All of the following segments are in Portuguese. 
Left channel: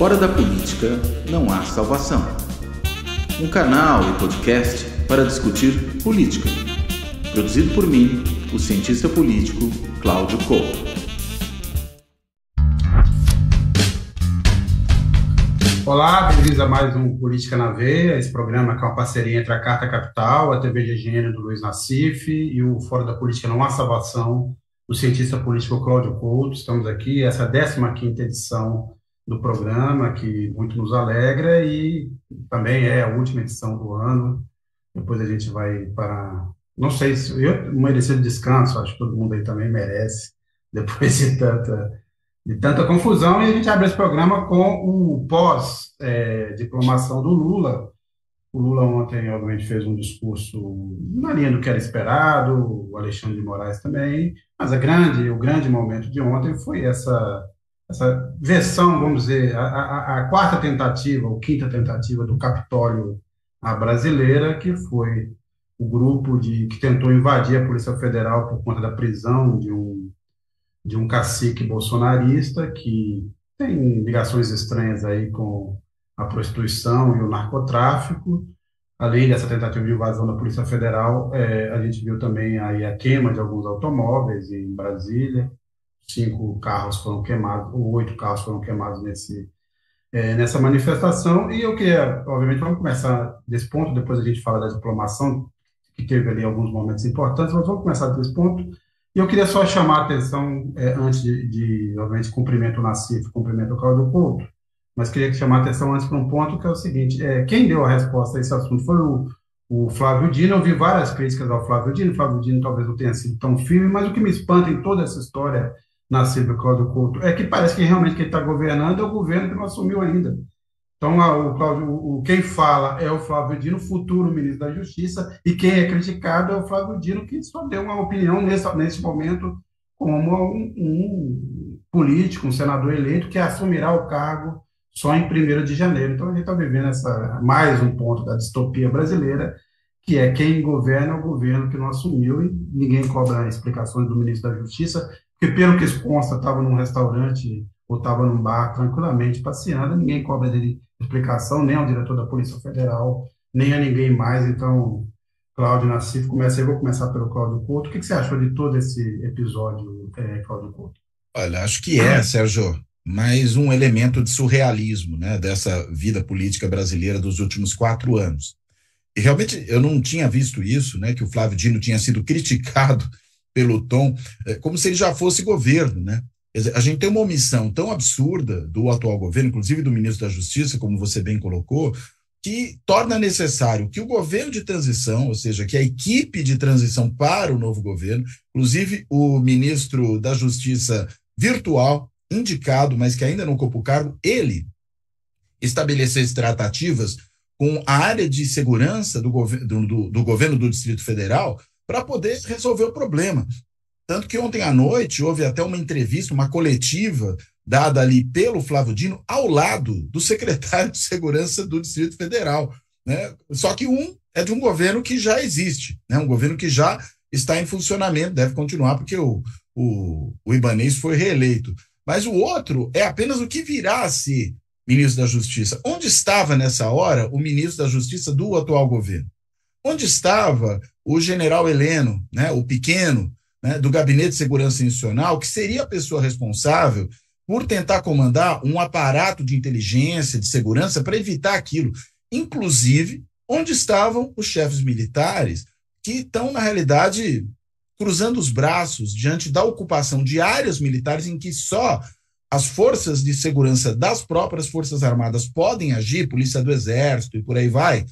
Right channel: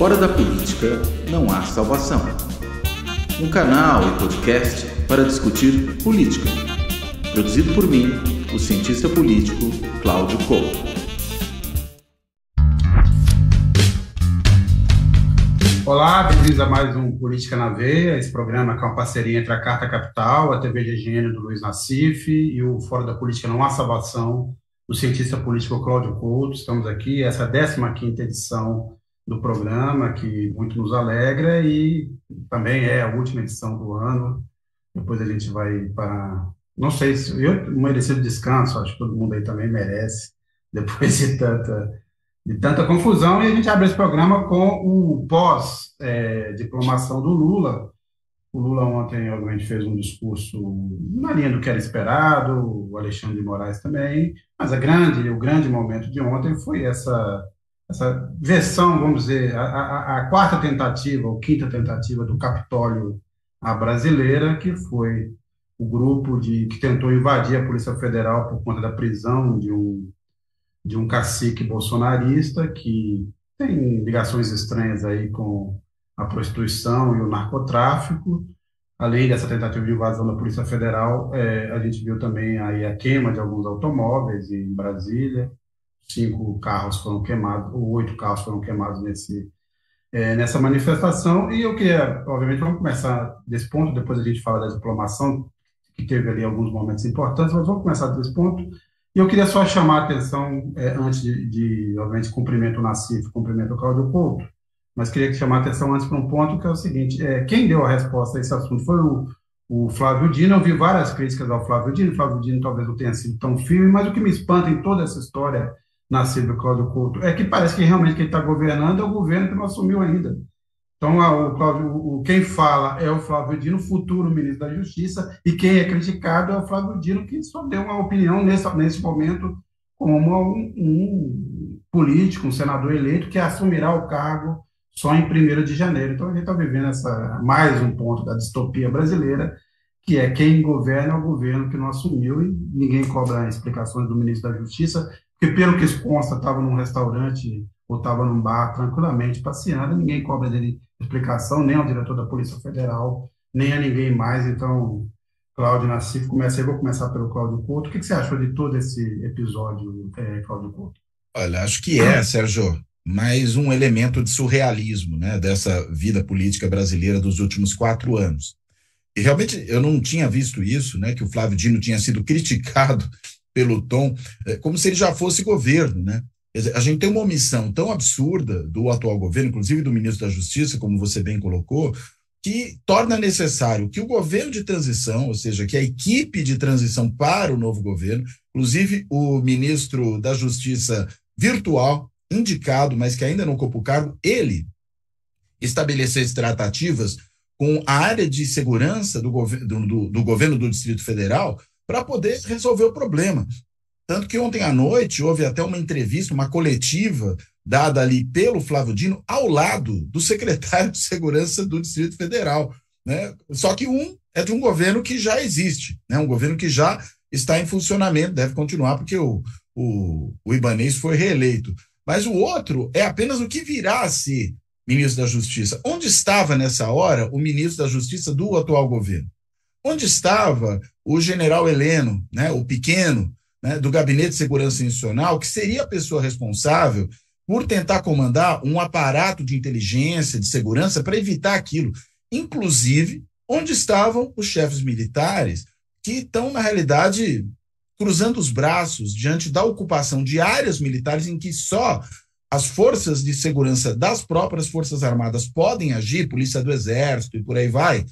Fora da política não há salvação. Um canal e podcast para discutir política. Produzido por mim, o cientista político Cláudio Couto. Olá, bem-vindos a mais um Política na Veia, esse programa que é uma parceria entre a Carta Capital, a TV de Engenheiro do Luiz Nassif e o Fora da Política Não Há Salvação, do cientista político Cláudio Couto. Estamos aqui, essa é a 15ª edição do programa, que muito nos alegra e também é a última edição do ano. Depois a gente vai para... Não sei se... Eu mereci descanso, acho que todo mundo aí também merece, depois de tanta confusão, e a gente abre esse programa com o pós-diplomação do Lula. O Lula ontem, obviamente, fez um discurso na linha do que era esperado, o Alexandre de Moraes também, mas o grande momento de ontem foi essa versão, vamos dizer, a quarta tentativa, ou quinta tentativa do Capitólio à brasileira, que foi o grupo que tentou invadir a Polícia Federal por conta da prisão de um cacique bolsonarista que tem ligações estranhas aí com a prostituição e o narcotráfico. Além dessa tentativa de invasão da Polícia Federal, a gente viu também aí a queima de alguns automóveis em Brasília. 5 carros foram queimados, ou 8 carros foram queimados nessa manifestação. E eu queria, obviamente, vamos começar desse ponto, depois a gente fala da diplomação, que teve ali alguns momentos importantes, mas vamos começar desse ponto. E eu queria só chamar a atenção, antes obviamente, cumprimento o Nassif, cumprimento o Cláudio Couto, mas queria chamar a atenção antes para um ponto que é o seguinte: quem deu a resposta a esse assunto foi o Flávio Dino. Eu vi várias críticas ao Flávio Dino. O Flávio Dino talvez não tenha sido tão firme, mas o que me espanta em toda essa história, Nassif e Cláudio Couto, é que parece que realmente quem está governando é o governo que não assumiu ainda. Então, quem fala é o Flávio Dino, futuro ministro da Justiça, e quem é criticado é o Flávio Dino, que só deu uma opinião nesse momento como um político, um senador eleito, que assumirá o cargo só em 1º de janeiro. Então, a gente está vivendo mais um ponto da distopia brasileira, que é quem governa é o governo que não assumiu, e ninguém cobra explicações do ministro da Justiça, porque, pelo que consta, estava num restaurante ou estava num bar tranquilamente passeando, ninguém cobra dele explicação, nem ao diretor da Polícia Federal, nem a ninguém mais. Então, Cláudio, Nassif, vou começar pelo Cláudio Couto. O que você achou de todo esse episódio, Cláudio Couto? Olha, acho que Sérgio, mais um elemento de surrealismo, né, dessa vida política brasileira dos últimos 4 anos. E realmente eu não tinha visto isso, né, que o Flávio Dino tinha sido criticado pelo tom, como se ele já fosse governo, né? A gente tem uma omissão tão absurda do atual governo, inclusive do ministro da Justiça, como você bem colocou, que torna necessário que o governo de transição, ou seja, que a equipe de transição para o novo governo, inclusive o ministro da Justiça virtual, indicado, mas que ainda não ocupa o cargo, ele estabelecesse tratativas com a área de segurança do governo do Distrito Federal para poder resolver o problema. Tanto que ontem à noite houve até uma entrevista, uma coletiva dada ali pelo Flávio Dino ao lado do secretário de Segurança do Distrito Federal, né? Só que um é de um governo que já existe, né? Um governo que já está em funcionamento, deve continuar porque o Ibanez foi reeleito. Mas o outro é apenas o que virá a ser ministro da Justiça. Onde estava nessa hora o ministro da Justiça do atual governo? Onde estava o general Heleno, né, o pequeno, né, do Gabinete de Segurança Institucional, que seria a pessoa responsável por tentar comandar um aparato de inteligência, de segurança, para evitar aquilo? Inclusive, onde estavam os chefes militares que estão, na realidade, cruzando os braços diante da ocupação de áreas militares em que só as forças de segurança das próprias Forças Armadas podem agir, Polícia do Exército e por aí vai,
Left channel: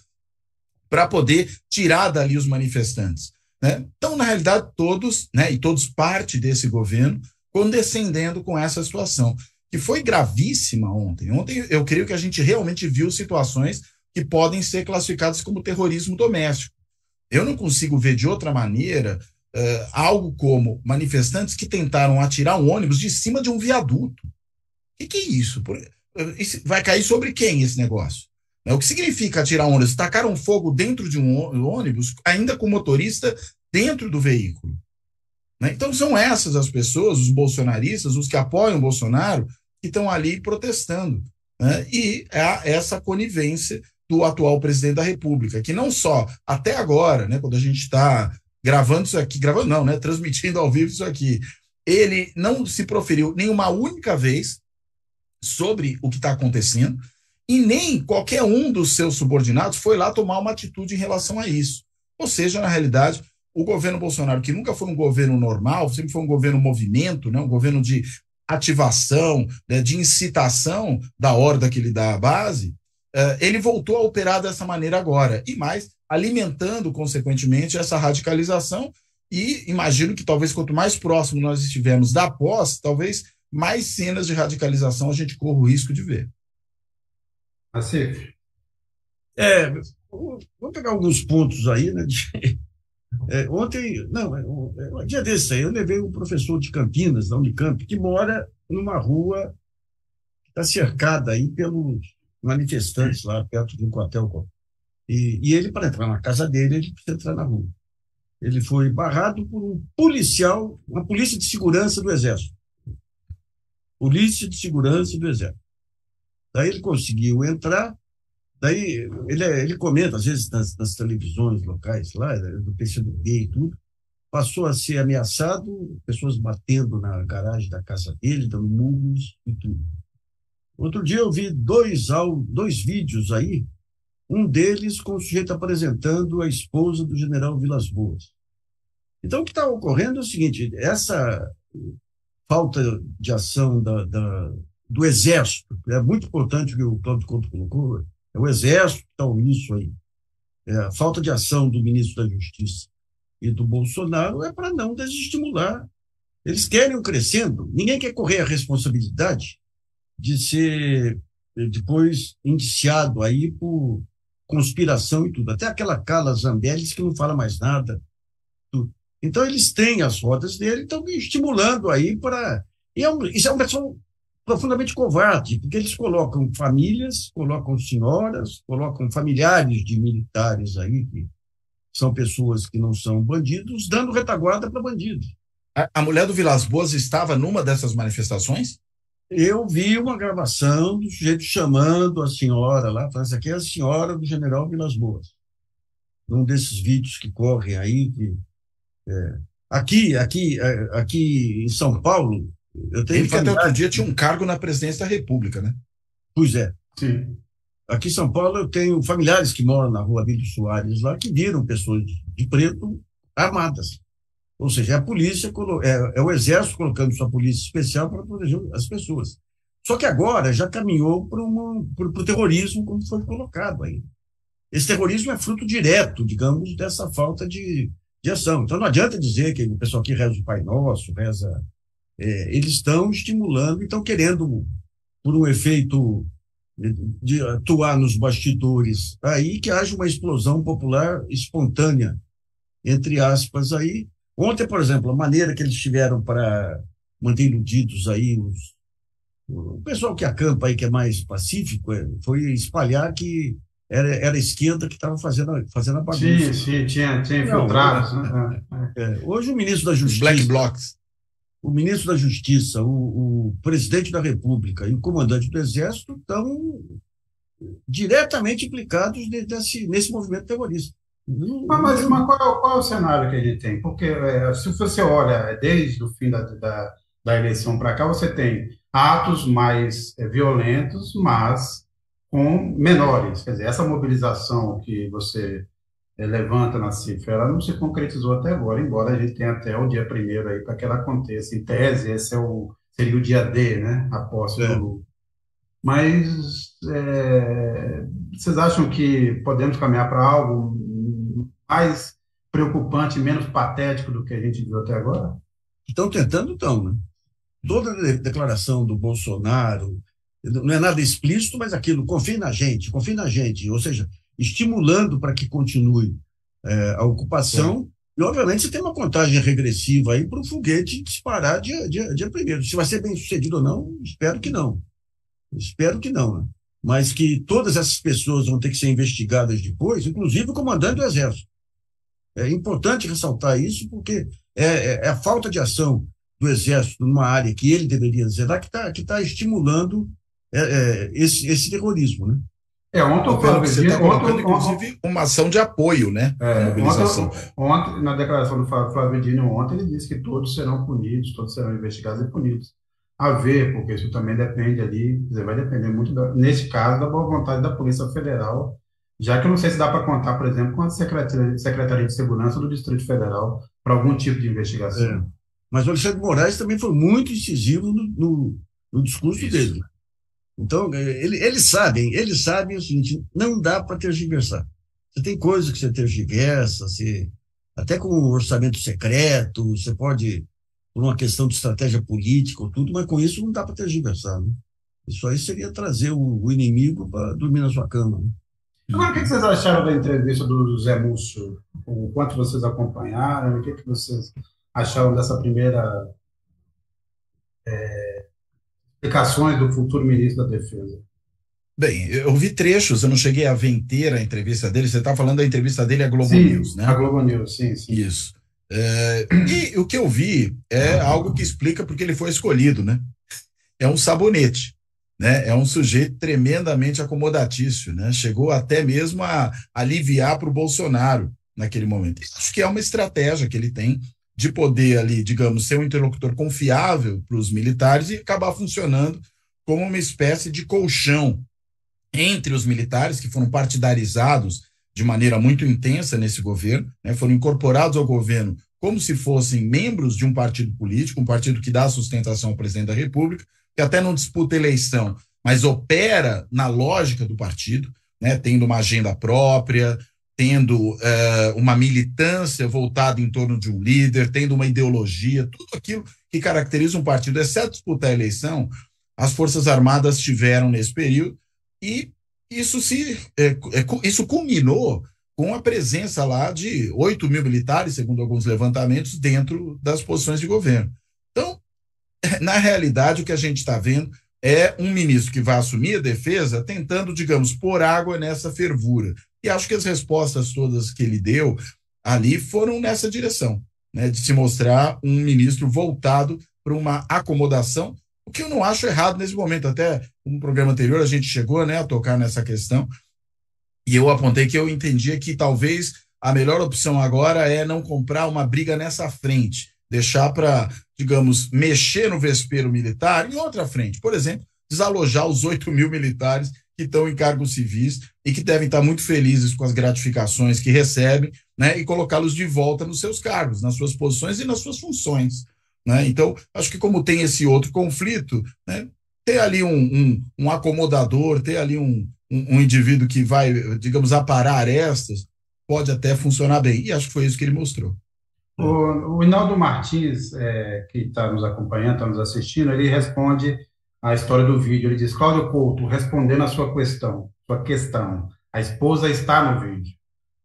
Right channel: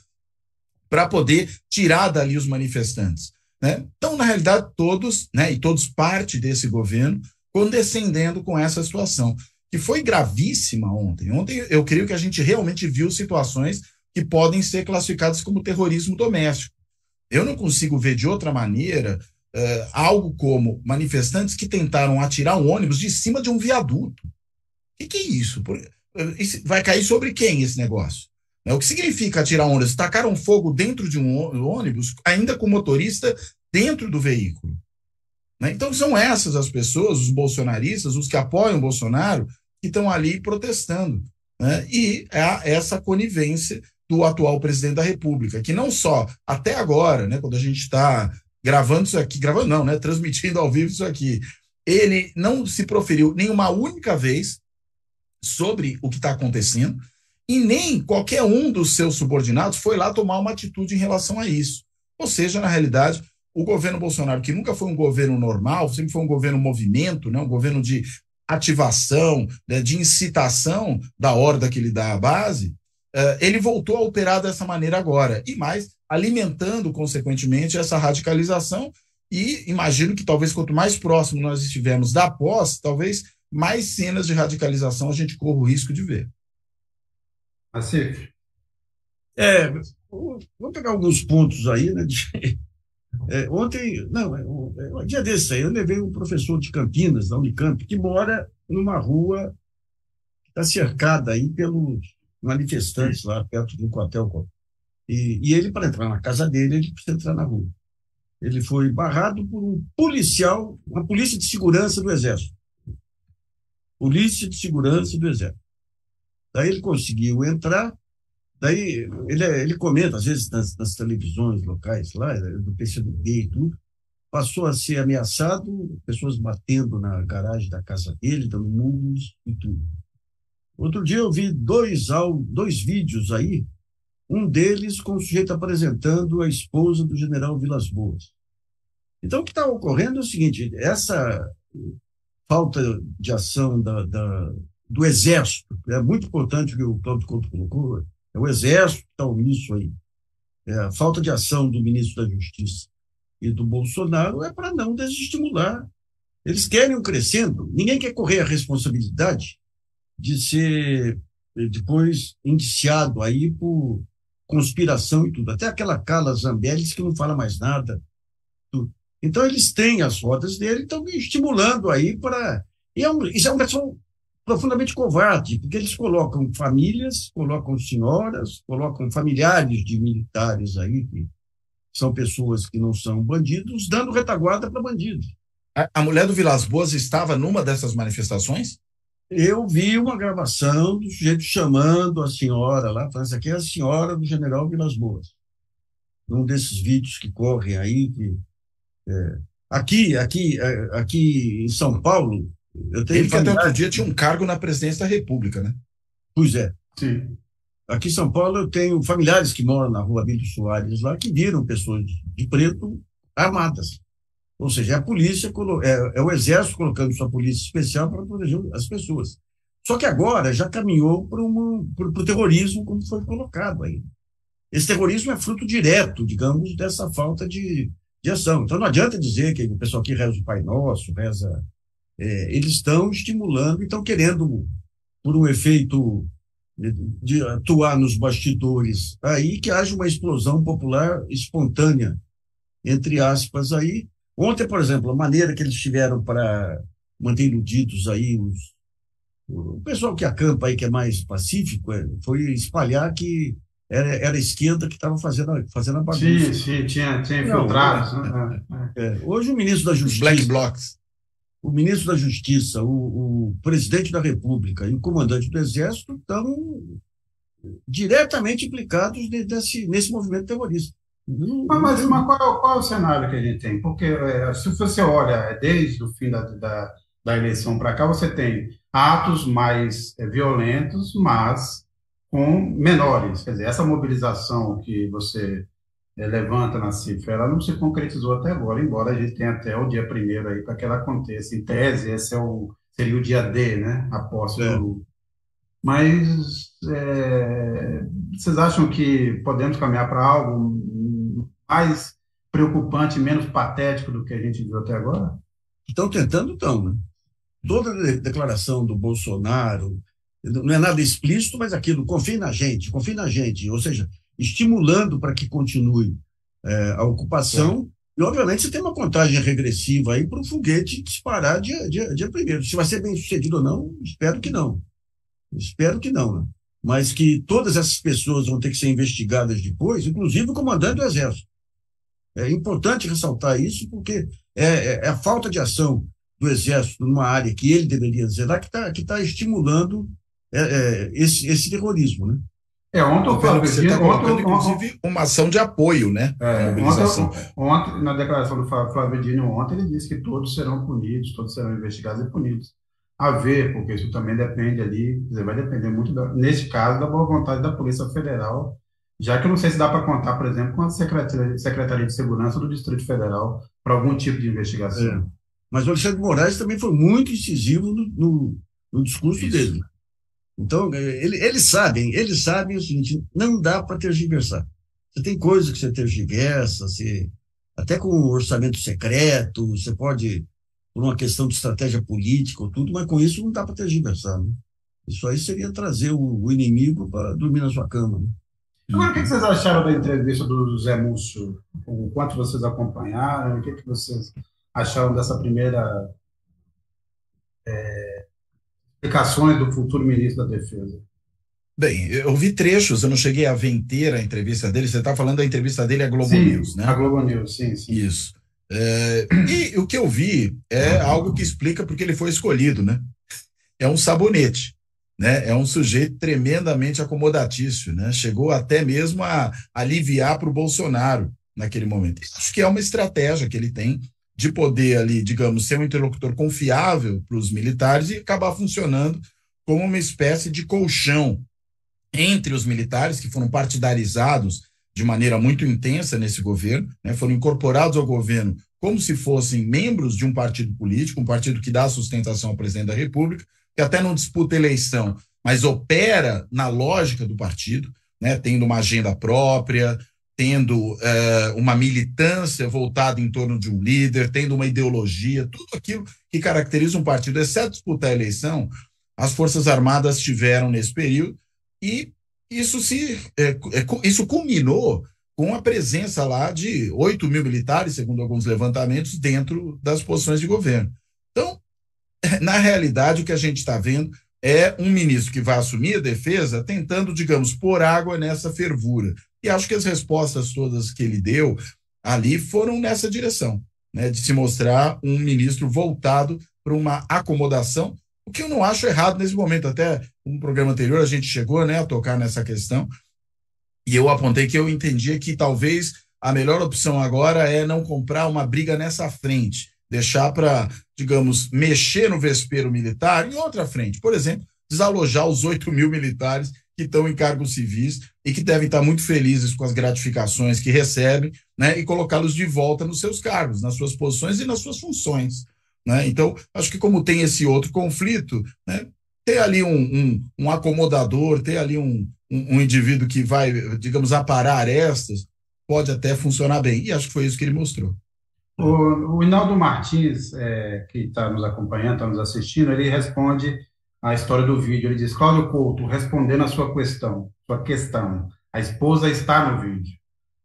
para poder tirar dali os manifestantes, né? Então, na realidade, todos, né, e todos parte desse governo, condescendendo com essa situação, que foi gravíssima ontem. Ontem eu creio que a gente realmente viu situações que podem ser classificadas como terrorismo doméstico. Eu não consigo ver de outra maneira algo como manifestantes que tentaram atirar um ônibus de cima de um viaduto. O que é isso? Vai cair sobre quem esse negócio? O que significa atirar um ônibus? Tacaram fogo dentro de um ônibus, ainda com o motorista dentro do veículo. Né? Então são essas as pessoas, os bolsonaristas, os que apoiam o Bolsonaro, que estão ali protestando. né? E essa conivência do atual presidente da República, que não só até agora, né, quando a gente está gravando isso aqui, gravando não, né, transmitindo ao vivo isso aqui, ele não se proferiu nenhuma única vez sobre o que está acontecendo, e nem qualquer um dos seus subordinados foi lá tomar uma atitude em relação a isso. Ou seja, na realidade, o governo Bolsonaro, que nunca foi um governo normal, sempre foi um governo movimento, né, um governo de ativação, né, de incitação da horda que lhe dá a base, ele voltou a operar dessa maneira agora, e mais, alimentando, consequentemente, essa radicalização, e imagino que talvez quanto mais próximo nós estivermos da posse, talvez mais cenas de radicalização a gente corra o risco de ver. Assim, vou pegar alguns pontos aí, né? Ontem, não, um dia desse aí, eu levei um professor de Campinas, da Unicamp, que mora numa rua que está cercada aí pelos manifestantes lá perto de um quartel. E ele, para entrar na casa dele, ele precisa entrar na rua. Ele foi barrado por um policial, uma polícia de segurança do Exército. Polícia de segurança do Exército. Daí ele conseguiu entrar, daí ele comenta, às vezes, nas televisões locais lá, do PCdoB e tudo, passou a ser ameaçado, pessoas batendo na garagem da casa dele, dando murros e tudo. Outro dia eu vi dois vídeos aí, um deles com o sujeito apresentando a esposa do general Vilas Boas. Então, o que está ocorrendo é o seguinte, essa falta de ação do Exército, é muito importante o que o Cláudio Couto colocou, é o Exército que está omisso aí. A falta de ação do ministro da Justiça e do Bolsonaro é para não desestimular. Eles querem um crescendo, ninguém quer correr a responsabilidade de ser depois indiciado aí por conspiração e tudo. Até aquela Carla Zambelli que não fala mais nada. Tudo. Então, eles têm as rodas dele, estão estimulando aí para... Isso é um pessoal profundamente covarde, porque eles colocam famílias, colocam senhoras, colocam familiares de militares aí, que são pessoas que não são bandidos, dando retaguarda para bandidos. A mulher do Vilas Boas estava numa dessas manifestações? Eu vi uma gravação do sujeito chamando a senhora lá, falando, essa aqui é a senhora do general Vilas Boas. Um desses vídeos que correm aí. Aqui em São Paulo, eu tenho ele que até outro dia tinha um cargo na presidência da República, né? Pois é. sim. Aqui em São Paulo eu tenho familiares que moram na rua Abílio Soares lá, que viram pessoas de preto armadas. Ou seja, é a polícia, é o Exército colocando sua polícia especial para proteger as pessoas. Só que agora já caminhou para o terrorismo, como foi colocado aí. Esse terrorismo é fruto direto, digamos, dessa falta de ação. Então não adianta dizer que o pessoal aqui reza o Pai Nosso, reza... eles estão estimulando e estão querendo, por um efeito de atuar nos bastidores, aí que haja uma explosão popular espontânea, entre aspas, aí. Ontem, por exemplo, a maneira que eles tiveram para manter iludidos aí o pessoal que acampa aí, que é mais pacífico, foi espalhar que era a esquerda que estava fazendo a bagunça. Sim, tinha infiltrados. Hoje o ministro da Justiça... Black Blocs. O ministro da Justiça, o presidente da República e o comandante do Exército estão diretamente implicados nesse movimento terrorista. Mas qual é o cenário que a gente tem? Porque se você olha desde o fim da eleição para cá, você tem atos mais violentos, mas com menores. Quer dizer, essa mobilização que você levanta na cifra, ela não se concretizou até agora, embora a gente tenha até o dia 1º aí para que ela aconteça. Em tese, esse seria o dia D, né? A posse do Lula. Mas vocês acham que podemos caminhar para algo mais preocupante, menos patético do que a gente viu até agora? Estão tentando, né? Toda a declaração do Bolsonaro não é nada explícito, mas aquilo, confie na gente, ou seja, estimulando para que continue a ocupação. Sim. E, obviamente, você tem uma contagem regressiva aí para o foguete disparar dia 1º. Se vai ser bem sucedido ou não, espero que não. Né? Mas que todas essas pessoas vão ter que ser investigadas depois, inclusive o comandante do Exército. É importante ressaltar isso, porque é a falta de ação do Exército numa área que ele deveria zelar que está estimulando esse terrorismo, né? Ontem o Pelo que Flávio você Dino, está colocando, inclusive, uma ação de apoio, né, à mobilização. ontem, na declaração do Flávio Dino, ontem ele disse que todos serão punidos, todos serão investigados e punidos. A ver, porque isso também depende ali, quer dizer, vai depender muito, neste caso, da boa vontade da Polícia Federal, já que eu não sei se dá para contar, por exemplo, com a Secretaria de Segurança do Distrito Federal para algum tipo de investigação. Mas o Alexandre de Moraes também foi muito incisivo no discurso dele. Então, eles sabem o seguinte, não dá para tergiversar. Você tem coisas que você tergiversa, até com o orçamento secreto, você pode, por uma questão de estratégia política ou tudo, mas com isso não dá para tergiversar, né? Isso aí seria trazer o inimigo para dormir na sua cama, né? Agora, o que vocês acharam da entrevista do Zé Múcio? O quanto vocês acompanharam? O que vocês acharam dessa primeira explicações do futuro ministro da Defesa? Bem, eu vi trechos, eu não cheguei a ver inteira a entrevista dele. Você está falando da entrevista dele à Globo News, né? A Globo News, sim. Isso. E o que eu vi é algo que explica porque ele foi escolhido, né? É um sabonete, né? É um sujeito tremendamente acomodatício, né? Chegou até mesmo a aliviar para o Bolsonaro naquele momento. Acho que é uma estratégia que ele tem de poder ali, digamos, ser um interlocutor confiável para os militares e acabar funcionando como uma espécie de colchão entre os militares que foram partidarizados de maneira muito intensa nesse governo, né, foram incorporados ao governo como se fossem membros de um partido político, um partido que dá sustentação ao presidente da República, que até não disputa eleição, mas opera na lógica do partido, né, tendo uma agenda própria, tendo uma militância voltada em torno de um líder, tendo uma ideologia, tudo aquilo que caracteriza um partido, exceto disputar a eleição, as Forças Armadas tiveram nesse período, e isso culminou com a presença lá de 8 mil militares, segundo alguns levantamentos, dentro das posições de governo. Então, na realidade, o que a gente está vendo é um ministro que vai assumir a defesa tentando, digamos, pôr água nessa fervura. E acho que as respostas todas que ele deu ali foram nessa direção, né, de se mostrar um ministro voltado para uma acomodação, o que eu não acho errado nesse momento. Até no programa anterior a gente chegou, né, a tocar nessa questão, e eu apontei que eu entendia que talvez a melhor opção agora é não comprar uma briga nessa frente, deixar para, digamos, mexer no vespeiro militar em outra frente. Por exemplo, desalojar os 8 mil militares que estão em cargos civis e que devem estar muito felizes com as gratificações que recebem, né, e colocá-los de volta nos seus cargos, nas suas posições e nas suas funções, né? Então, acho que como tem esse outro conflito, né, ter ali um acomodador, ter ali um indivíduo que vai, digamos, aparar arestas, pode até funcionar bem. E acho que foi isso que ele mostrou. O Hinaldo Martins, que está nos acompanhando, está nos assistindo, ele responde a história do vídeo. Ele diz: Cláudio Couto, respondendo a sua questão, a esposa está no vídeo.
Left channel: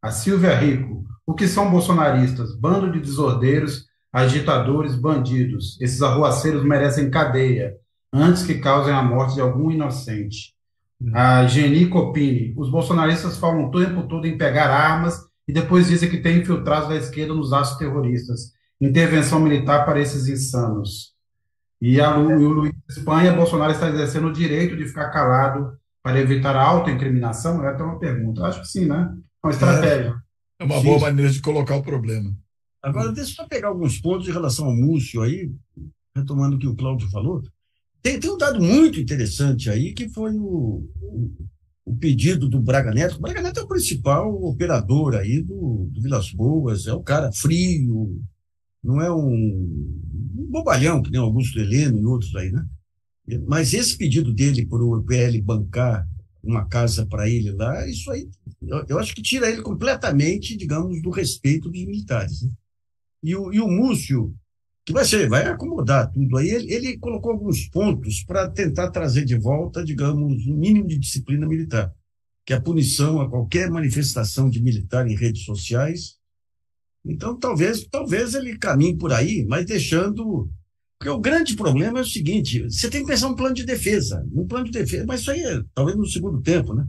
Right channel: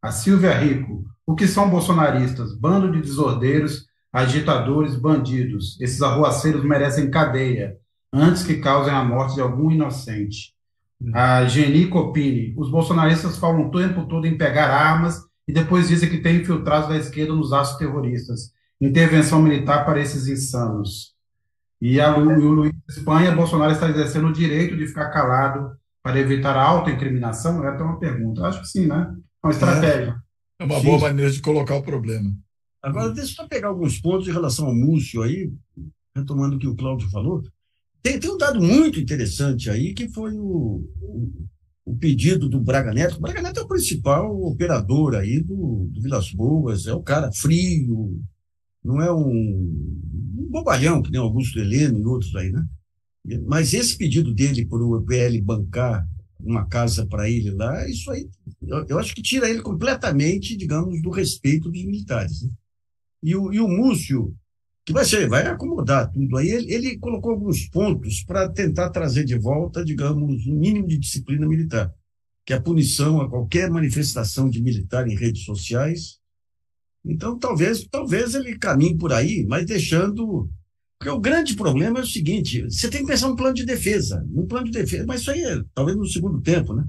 A Silvia Rico: o que são bolsonaristas? Bando de desordeiros, agitadores, bandidos. Esses arruaceiros merecem cadeia, antes que causem a morte de algum inocente. A Geni Copini: os bolsonaristas falam o tempo todo em pegar armas e depois dizem que tem infiltrados da esquerda nos atos terroristas. Intervenção militar para esses insanos. E o Luiz Espanha: Bolsonaro está exercendo o direito de ficar calado para evitar a autoincriminação? É até uma pergunta. Acho que sim, né? É uma estratégia. É uma boa maneira de colocar o problema. Agora, deixa eu só pegar alguns pontos em relação ao Múcio aí, retomando o que o Cláudio falou. Tem um dado muito interessante aí, que foi o pedido do Braga Neto. O Braga Neto é o principal operador aí do Vilas Boas, é o cara frio, não é um bobalhão, que nem Augusto Heleno e outros aí, né? Mas esse pedido dele para o PL bancar uma casa para ele lá, isso aí, eu acho que tira ele completamente, digamos, do respeito dos militares, né? E o Múcio, que vai acomodar tudo aí, ele colocou alguns pontos para tentar trazer de volta, digamos, um mínimo de disciplina militar, que é a punição a qualquer manifestação de militar em redes sociais. Então, talvez ele caminhe por aí, mas deixando... Porque o grande problema é o seguinte: você tem que pensar um plano de defesa. Mas isso aí é talvez no segundo tempo, né?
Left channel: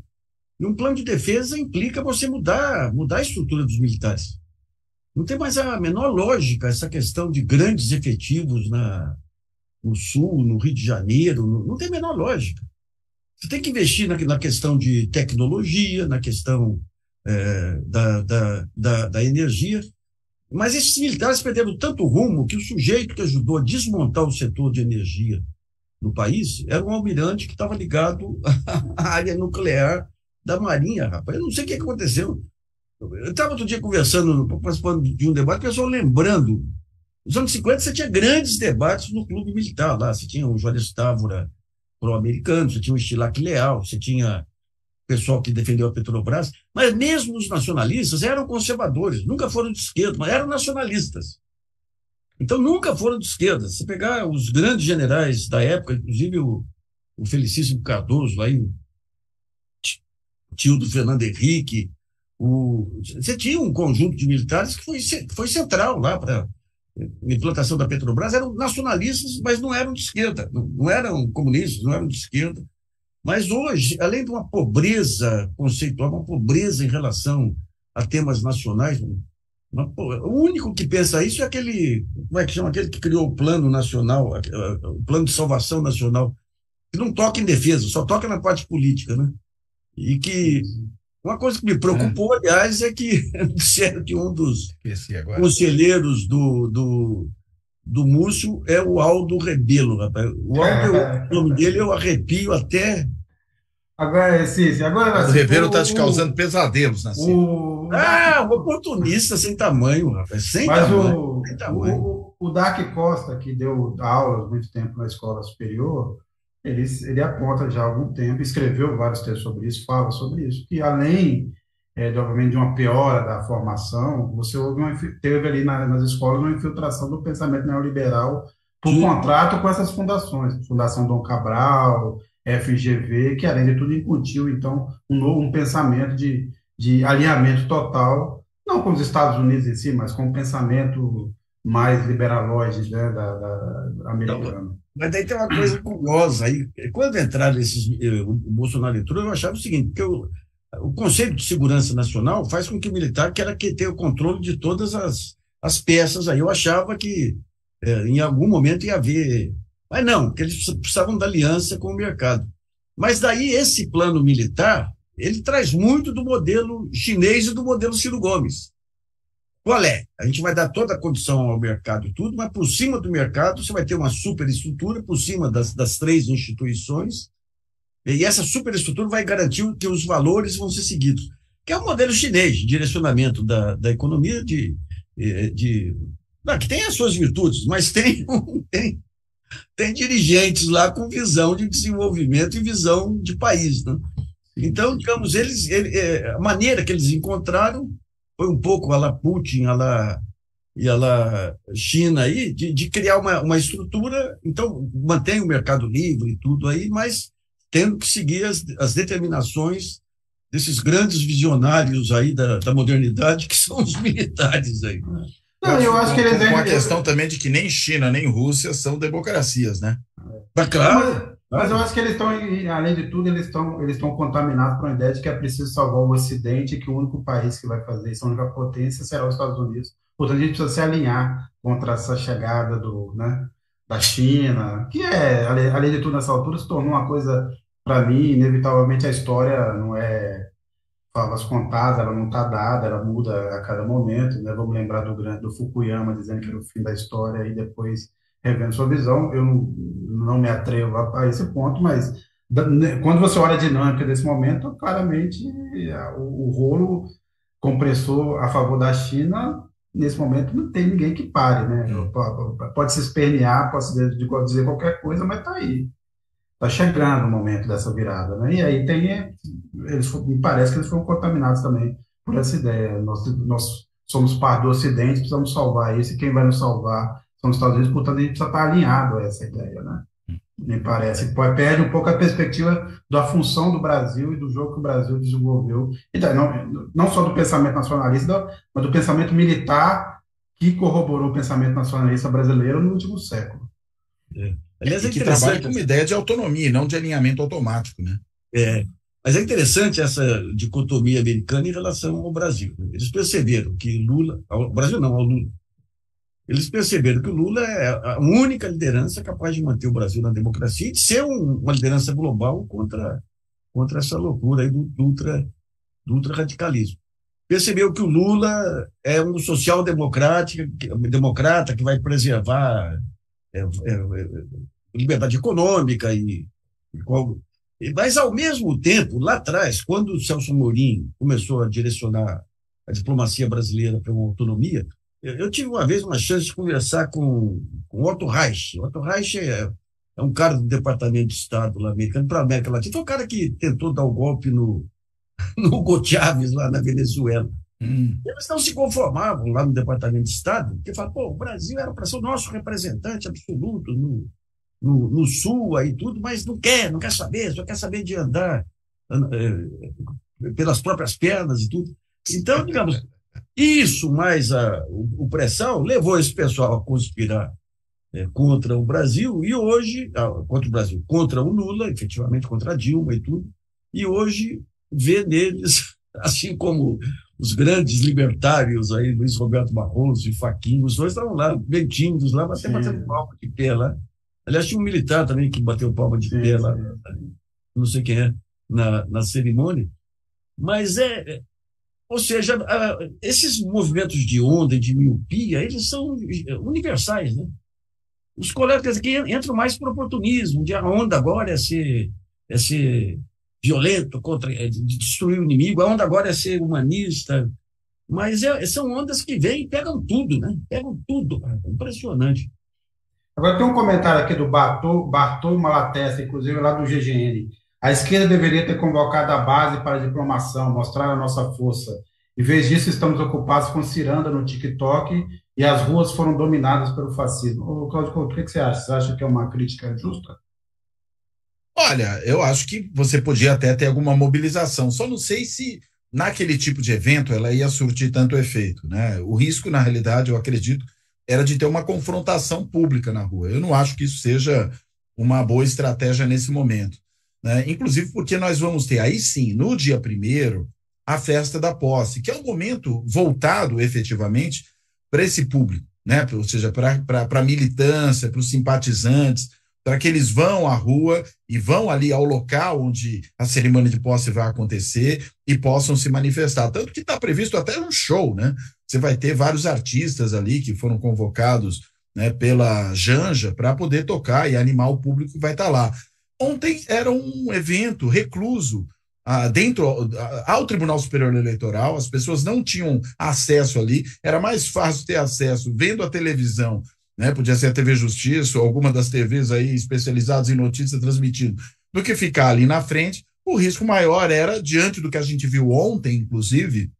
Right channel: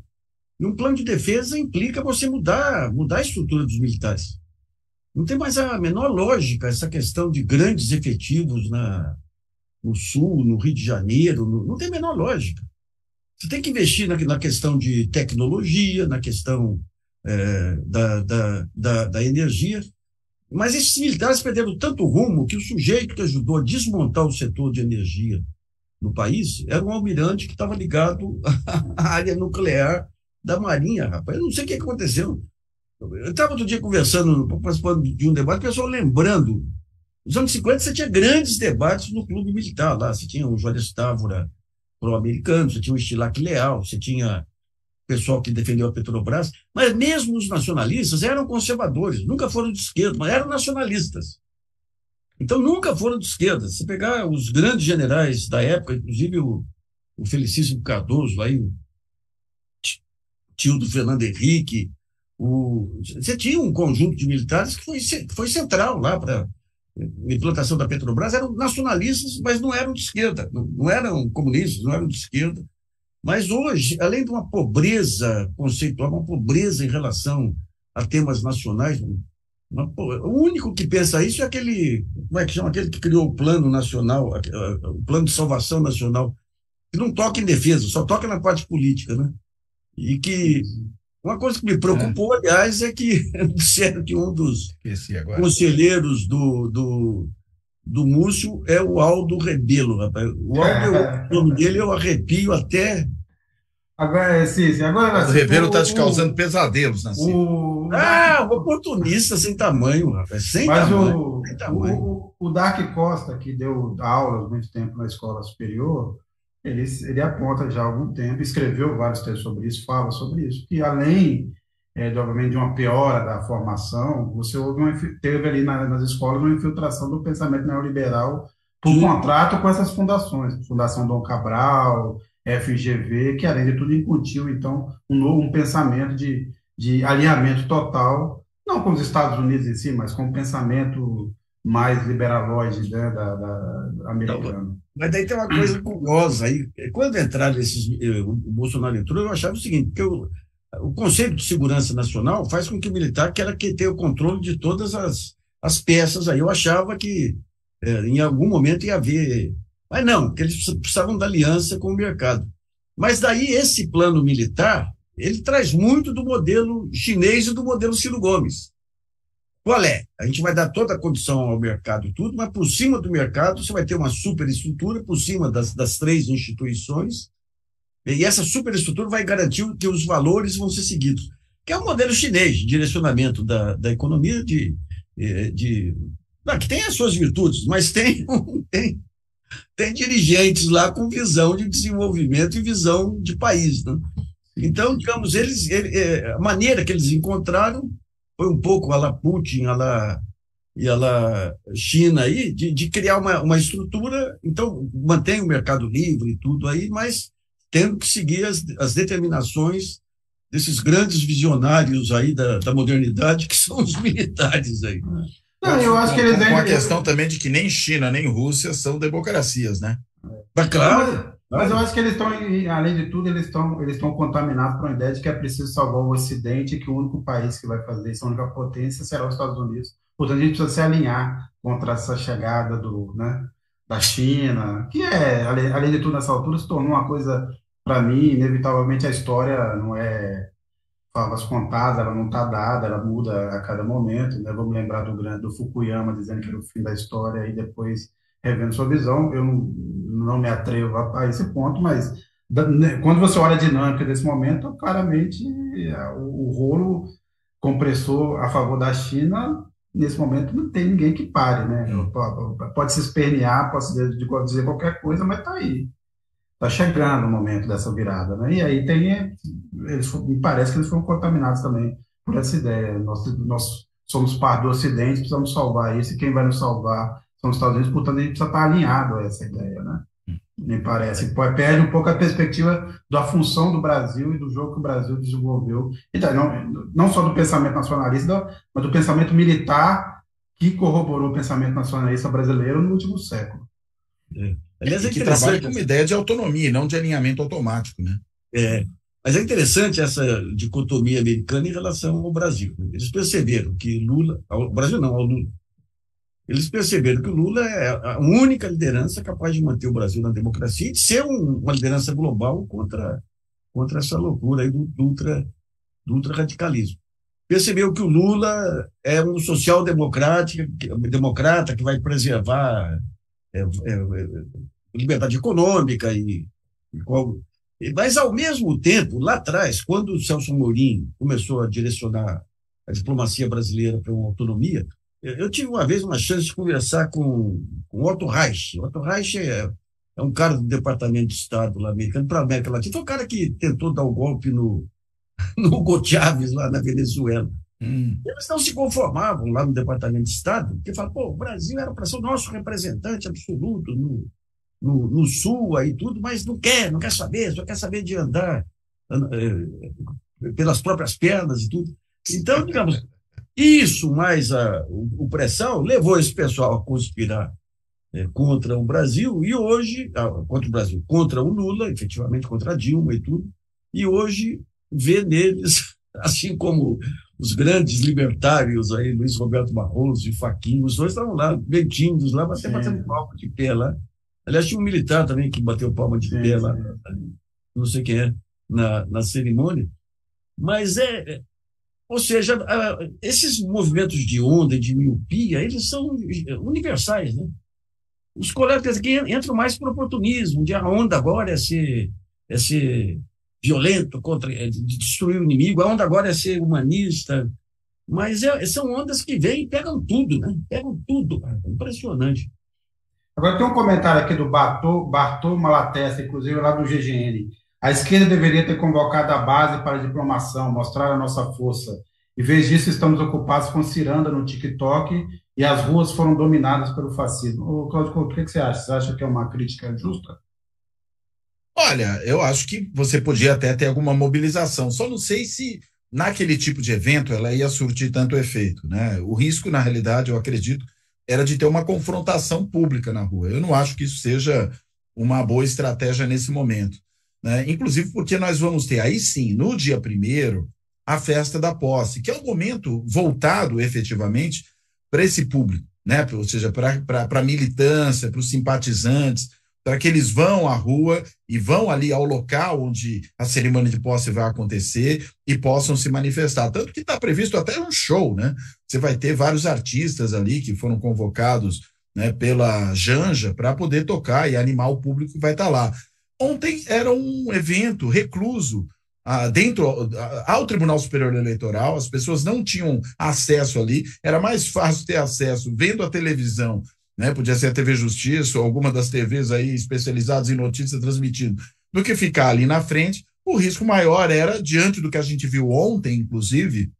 E um plano de defesa implica você mudar a estrutura dos militares. Não tem mais a menor lógica essa questão de grandes efetivos no Sul, no Rio de Janeiro, não tem a menor lógica. Você tem que investir na questão de tecnologia, na questão da energia, mas esses militares perderam tanto rumo que o sujeito que ajudou a desmontar o setor de energia no país era um almirante que estava ligado à área nuclear da Marinha, rapaz. Eu não sei o que aconteceu. Eu estava outro dia conversando, participando de um debate, o pessoal lembrando. Nos anos 50 você tinha grandes debates no clube militar lá. Você tinha o Juarez Távora pró-americano, você tinha o Estilac Leal, você tinha o pessoal que defendeu a Petrobras, mas mesmo os nacionalistas eram conservadores, nunca foram de esquerda, mas eram nacionalistas. Então nunca foram de esquerda. Se pegar os grandes generais da época, inclusive o Felicíssimo Cardoso, aí, o tio do Fernando Henrique, você tinha um conjunto de militares que foi central lá para a implantação da Petrobras. Eram nacionalistas, mas não eram de esquerda, não eram comunistas, não eram de esquerda. Mas hoje, além de uma pobreza conceitual, uma pobreza em relação a temas nacionais, o único que pensa isso é aquele, como é que chama, aquele que criou o plano nacional, o plano de salvação nacional, que não toca em defesa, só toca na parte política, né? E que uma coisa que me preocupou, aliás, é que disseram que um dos conselheiros do Múcio é o Aldo Rebelo, rapaz. O nome dele eu arrepio até. Agora, o Rebelo está te causando pesadelos, assim. Oportunista sem tamanho, rapaz. Sem tamanho. O Dark Costa, que deu aulas muito tempo na escola superior, ele aponta já há algum tempo, escreveu vários textos sobre isso, fala sobre isso, que além, obviamente, de uma piora da formação, teve ali nas escolas uma infiltração do pensamento neoliberal por contrato com essas fundações, Fundação Dom Cabral, FGV, que além de tudo incutiu, então, um pensamento de alinhamento total, não com os Estados Unidos em si, mas com o pensamento mais liberalóide, né, da americano. Mas daí tem uma coisa curiosa aí. Quando entraram o Bolsonaro entrou, eu achava o seguinte, que o conceito de segurança nacional faz com que o militar queira ter o controle de todas as peças aí. Eu achava que em algum momento ia haver. Mas não, que eles precisavam da aliança com o mercado. Mas daí esse plano militar, ele traz muito do modelo chinês e do modelo Ciro Gomes. Qual é? A gente vai dar toda a condição ao mercado e tudo, mas por cima do mercado você vai ter uma superestrutura, por cima das três instituições, e essa superestrutura vai garantir que os valores vão ser seguidos. Que é o modelo chinês de direcionamento da economia, que tem as suas virtudes, mas tem dirigentes lá com visão de desenvolvimento e visão de país, né? Então, digamos, a maneira que eles encontraram foi um pouco a la Putin, a la China aí, de criar uma estrutura, então mantém o mercado livre e tudo aí, mas tendo que seguir as determinações desses grandes visionários aí da modernidade, que são os militares aí. Não, eu acho que eles com a questão também de que nem China nem Rússia são democracias, né? Claro. Mas eu acho que eles estão, além de tudo, eles estão contaminados por uma ideia de que é preciso salvar o Ocidente e que o único país que vai fazer isso, a única potência, será os Estados Unidos. Portanto, a gente precisa se alinhar contra essa chegada da China, que além de tudo, nessa altura, se tornou uma coisa, para mim, inevitavelmente a história não é favas contadas, ela não está dada, ela muda a cada momento, né? Vamos lembrar do Fukuyama dizendo que era o fim da história e depois revendo sua visão. Eu não me atrevo a esse ponto, mas quando você olha a dinâmica desse momento, claramente o rolo compressor a favor da China, nesse momento não tem ninguém que pare, né? Pode se espernear, pode dizer qualquer coisa, mas está aí. Está chegando o momento dessa virada, né? E aí me parece que eles foram contaminados também por essa ideia. Nós somos parte do Ocidente, precisamos salvar isso, e quem vai nos salvar são os Estados Unidos, portanto a gente precisa estar alinhado a essa ideia, né? Me parece. Perde um pouco a perspectiva da função do Brasil e do jogo que o Brasil desenvolveu, e não só do pensamento nacionalista, mas do pensamento militar que corroborou o pensamento nacionalista brasileiro no último século. Aliás, que trabalha com uma ideia de autonomia, não de alinhamento automático, né? Mas é interessante essa dicotomia americana em relação ao Brasil. Eles perceberam que Lula, ao Brasil não, ao Lula, eles perceberam que o Lula é a única liderança capaz de manter o Brasil na democracia e de ser uma liderança global contra contra essa loucura aí do ultra-radicalismo. Percebeu que o Lula é um social-democrata que vai preservar liberdade econômica mas, ao mesmo tempo, lá atrás, quando o Celso Amorim começou a direcionar a diplomacia brasileira para uma autonomia, eu tive uma vez uma chance de conversar com Otto Reich. Otto Reich é um cara do Departamento de Estado lá americano para a América Latina. Foi o cara que tentou dar o golpe no Hugo Chávez, lá na Venezuela. Eles não se conformavam lá no Departamento de Estado, porque falavam, o Brasil era para ser o nosso representante absoluto no Sul aí tudo, mas não quer saber, só quer saber de andar pelas próprias pernas e tudo. Então, digamos, isso mais o pressão levou esse pessoal a conspirar contra o Brasil, e hoje, contra o Lula, efetivamente contra a Dilma e tudo, e hoje vê neles, assim como os grandes libertários aí, Luiz Roberto Barroso e Fachin, os dois estavam lá, bem tímidos lá, mas até batendo palma de pé lá. Aliás, tinha um militar também que bateu palma de pé lá, não sei quem é, na cerimônia. Mas ou seja, esses movimentos de onda e de miopia, eles são universais, né? Os colegas aqui entram mais por oportunismo, de a onda agora é ser violento, de destruir o inimigo, a onda agora é ser humanista, mas são ondas que vêm e pegam tudo, né? Pegam tudo, é impressionante. Agora tem um comentário aqui do Bartô Malatesta, inclusive lá do GGN. A esquerda deveria ter convocado a base para a diplomação, mostrar a nossa força. Em vez disso, estamos ocupados com ciranda no TikTok e as ruas foram dominadas pelo fascismo. Ô, Cláudio Couto, o que você acha? Você acha que é uma crítica justa? Olha, eu acho que você podia até ter alguma mobilização, só não sei se naquele tipo de evento ela ia surtir tanto efeito, né? O risco, na realidade, eu acredito, era de ter uma confrontação pública na rua. Eu não acho que isso seja uma boa estratégia nesse momento, né? Inclusive porque nós vamos ter aí sim, no dia 1º, a festa da posse, que é um momento voltado efetivamente para esse público, né? Ou seja, para a militância, para os simpatizantes, para que eles vão à rua e vão ali ao local onde a cerimônia de posse vai acontecer e possam se manifestar. Tanto que está previsto até um show, né? Você vai ter vários artistas ali que foram convocados, né, pela Janja para poder tocar e animar o público que vai estar lá. Ontem era um evento recluso dentro ao Tribunal Superior Eleitoral, as pessoas não tinham acesso ali, era mais fácil ter acesso vendo a televisão, né? Podia ser a TV Justiça ou alguma das TVs aí especializadas em notícias transmitindo, do que ficar ali na frente. O risco maior era, diante do que a gente viu ontem, inclusive,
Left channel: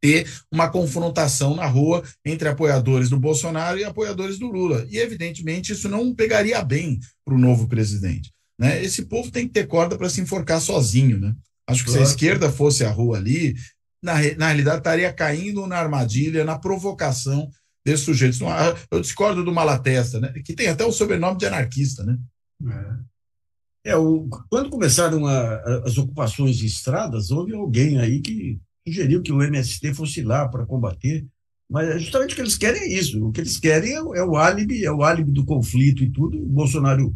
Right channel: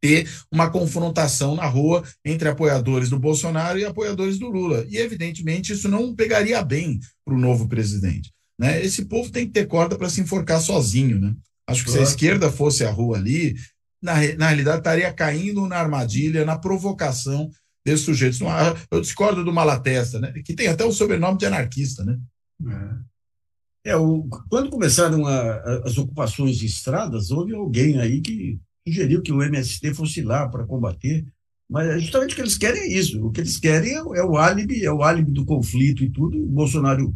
ter uma confrontação na rua entre apoiadores do Bolsonaro e apoiadores do Lula. E, evidentemente, isso não pegaria bem para o novo presidente, né? Esse povo tem que ter corda para se enforcar sozinho, né? Acho que se a esquerda fosse à rua ali, na realidade estaria caindo na armadilha, na provocação desses sujeitos. Eu discordo do Malatesta, né? Que tem até o sobrenome de anarquista, né? Quando começaram as ocupações de estradas, houve alguém aí que sugeriu que o MST fosse lá para combater, mas justamente o que eles querem é isso. O que eles querem é o álibi do conflito e tudo. O Bolsonaro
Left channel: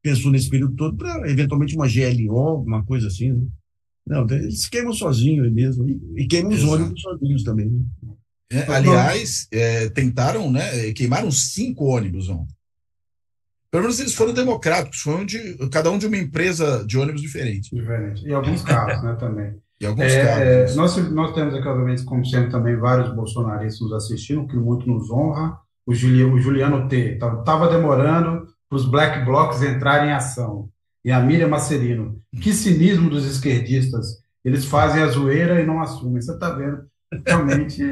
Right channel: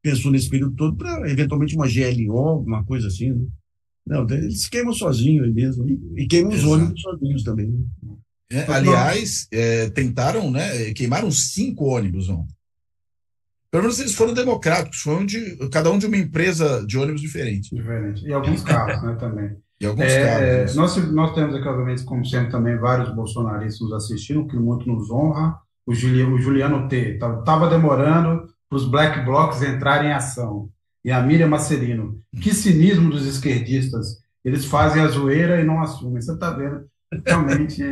pensou nesse período todo para, eventualmente, uma GLO, alguma coisa assim, né? Não, eles queimam sozinhos aí mesmo, e queimam os ônibus sozinhos também, né? Aliás, tentaram, né? Queimaram 5 ônibus ontem. Pelo menos eles foram democráticos, cada um de uma empresa de ônibus diferente. E alguns carros, né, também. E alguns carros. Nós temos aqui, obviamente, como sempre, também vários bolsonaristas nos assistindo, que muito nos honra. O Juliano T. Estava demorando para os Black Blocs entrarem em ação. E a Miriam Macerino. Que cinismo dos esquerdistas. Eles fazem a zoeira e não assumem. Você está vendo? Realmente,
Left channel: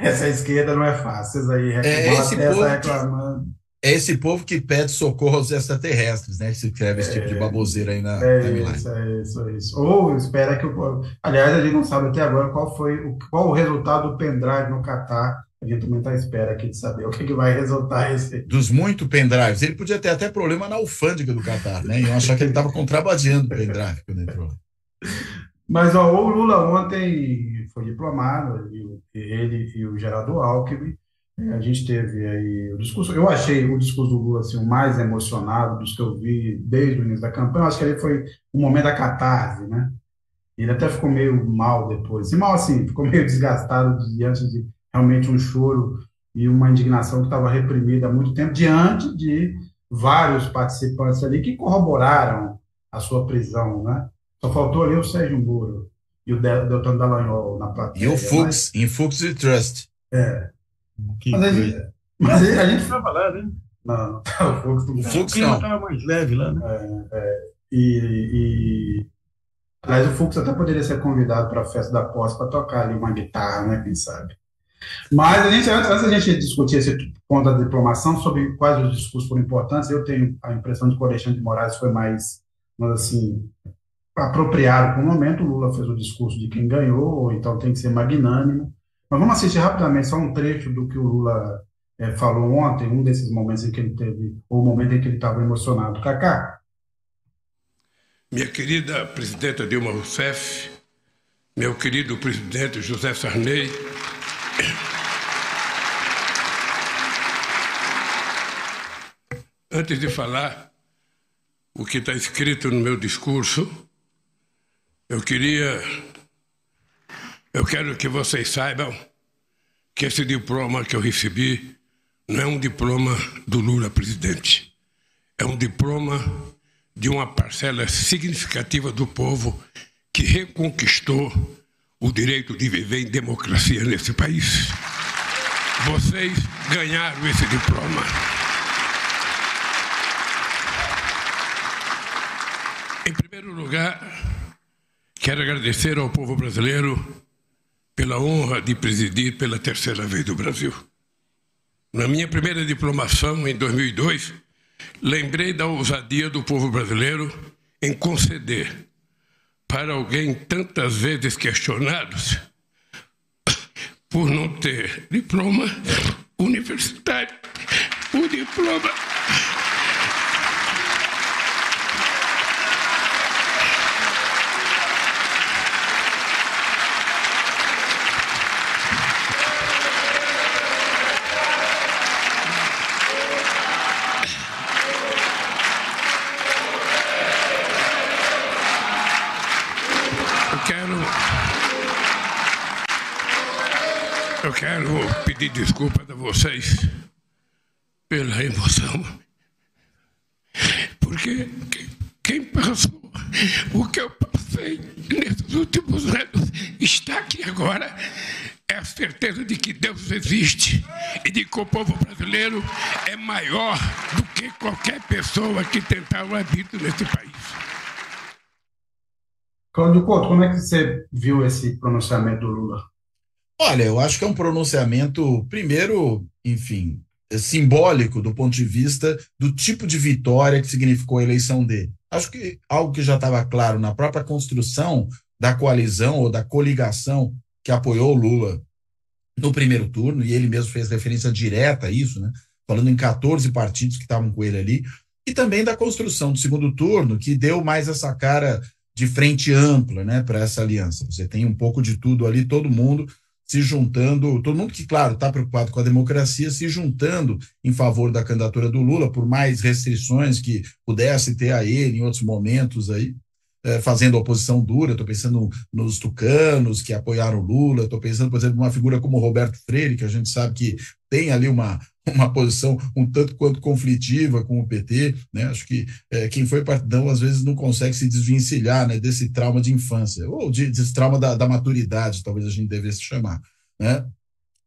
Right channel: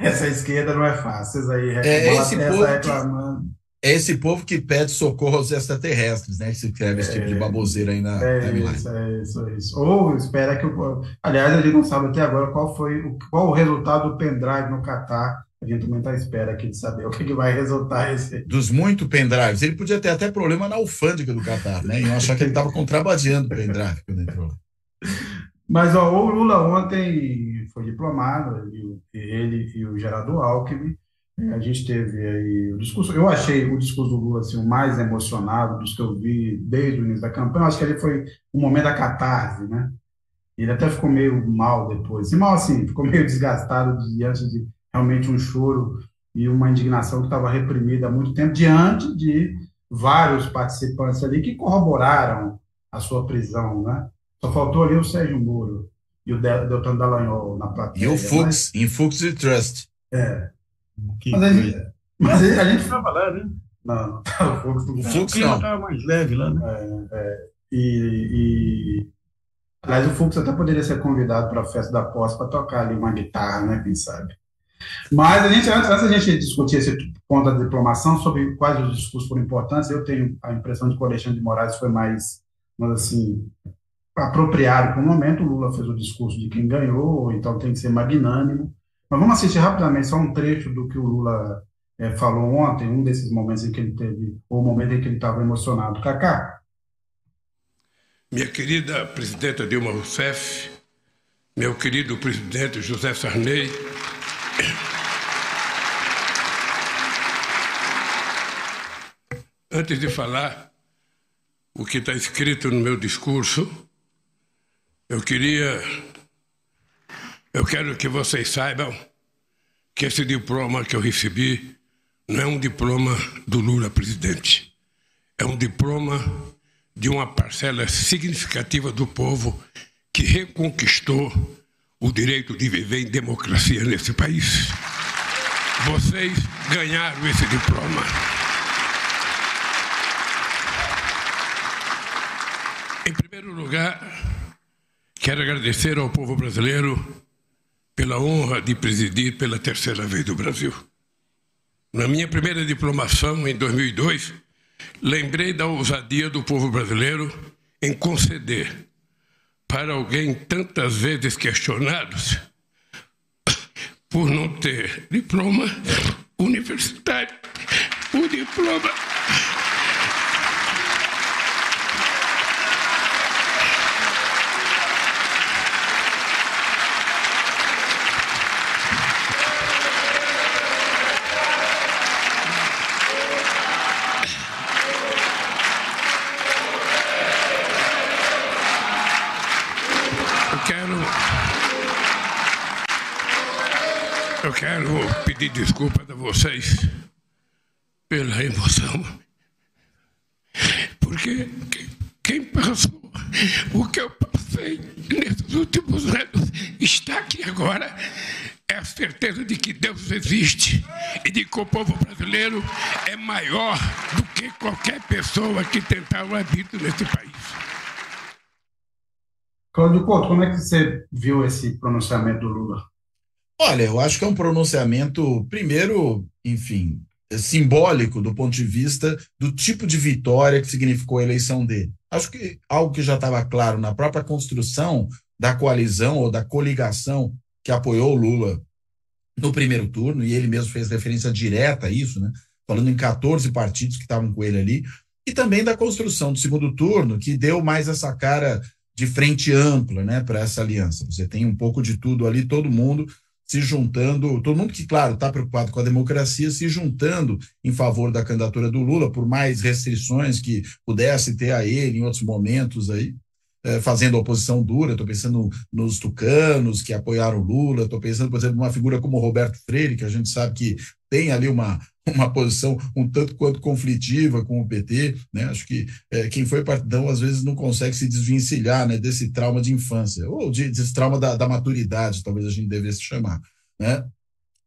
essa esquerda não é fácil. Vocês aí reclamando. É esse povo que pede socorro aos extraterrestres, né? Que se escreve esse tipo de baboseira aí na timeline. Isso. Ou espera que... Aliás, a gente não sabe até agora qual o resultado do pendrive no Catar. A gente também está à espera aqui de saber o que vai resultar esse... Dos muito pendrives. Ele podia ter até problema na alfândega do Catar, né? E eu achar que ele estava contrabandeando o pendrive quando entrou. Mas o Lula ontem foi diplomado, ele e o Geraldo Alckmin, A gente teve aí o discurso. Eu achei o discurso do Lula assim, o mais emocionado dos que eu vi desde o início da campanha. Eu acho que ali foi o momento da catarse, né? Ele até ficou meio mal depois. E mal assim, ficou meio desgastado diante de realmente um choro e uma indignação que estava reprimida há muito tempo, diante de vários participantes ali que corroboraram a sua prisão, né? Só faltou ali o Sérgio Moro e o Deltan Dallagnol na E o plateia, Fux, em Fux e Trust. Que mas coisa. a gente Estava lá, né? não, O O Fux clima não. estava mais leve lá, né? e aliás, o Fux até poderia ser convidado para a festa da posse para tocar ali uma guitarra, né? Quem sabe? Mas antes da gente discutir esse ponto da diplomação, sobre quais os discursos foram importantes, eu tenho a impressão de que o Alexandre de Moraes foi mais, mas assim, apropriado para o momento. O Lula fez o discurso de quem ganhou, então tem que ser magnânimo. Mas vamos assistir rapidamente só um trecho do que o Lula falou ontem, um desses momentos em que ele teve, ou o momento em que ele estava emocionado. Cacá? Minha querida presidenta Dilma Rousseff, meu querido presidente José Sarney, antes de falar o que está escrito no meu discurso, eu quero que vocês saibam que esse diploma que eu recebi não é um diploma do Lula presidente, é um diploma de uma parcela significativa do povo que reconquistou o direito de viver em democracia nesse país. Vocês ganharam esse diploma. Em primeiro lugar, quero agradecer ao povo brasileiro pela honra de presidir pela terceira vez do Brasil. Na minha primeira diplomação, em 2002, lembrei da ousadia do povo brasileiro em conceder para alguém tantas vezes questionado por não ter diploma universitário, o diploma Eu quero pedir desculpas a vocês pela emoção, porque quem passou o que eu passei nesses últimos anos está aqui agora, é a certeza de que Deus existe e de que o povo brasileiro é maior do que qualquer pessoa que tentar o habito nesse país. Cláudio Couto, como é que você viu esse pronunciamento do Lula? Olha, eu acho que é um pronunciamento, primeiro, enfim, simbólico do ponto de vista do tipo de vitória que significou a eleição dele. Acho que algo que já estava claro na própria construção da coalizão ou da coligação que apoiou o Lula no primeiro turno, e ele mesmo fez referência direta a isso, né? Falando em 14 partidos que estavam com ele ali, e também da construção do segundo turno, que deu mais essa cara de frente ampla, né, para essa aliança. Você tem um pouco de tudo ali, todo mundo se juntando, todo mundo que, claro, está preocupado com a democracia, se juntando em favor da candidatura do Lula, por mais restrições que pudesse ter a ele em outros momentos aí, fazendo oposição dura. Estou pensando nos tucanos que apoiaram o Lula, estou pensando, por exemplo, numa figura como Roberto Freire, que a gente sabe que tem ali uma posição um tanto quanto conflitiva com o PT, né? Acho que quem foi partidão às vezes não consegue se desvencilhar, né, desse trauma de infância, ou desse trauma da maturidade, talvez a gente devesse chamar, né?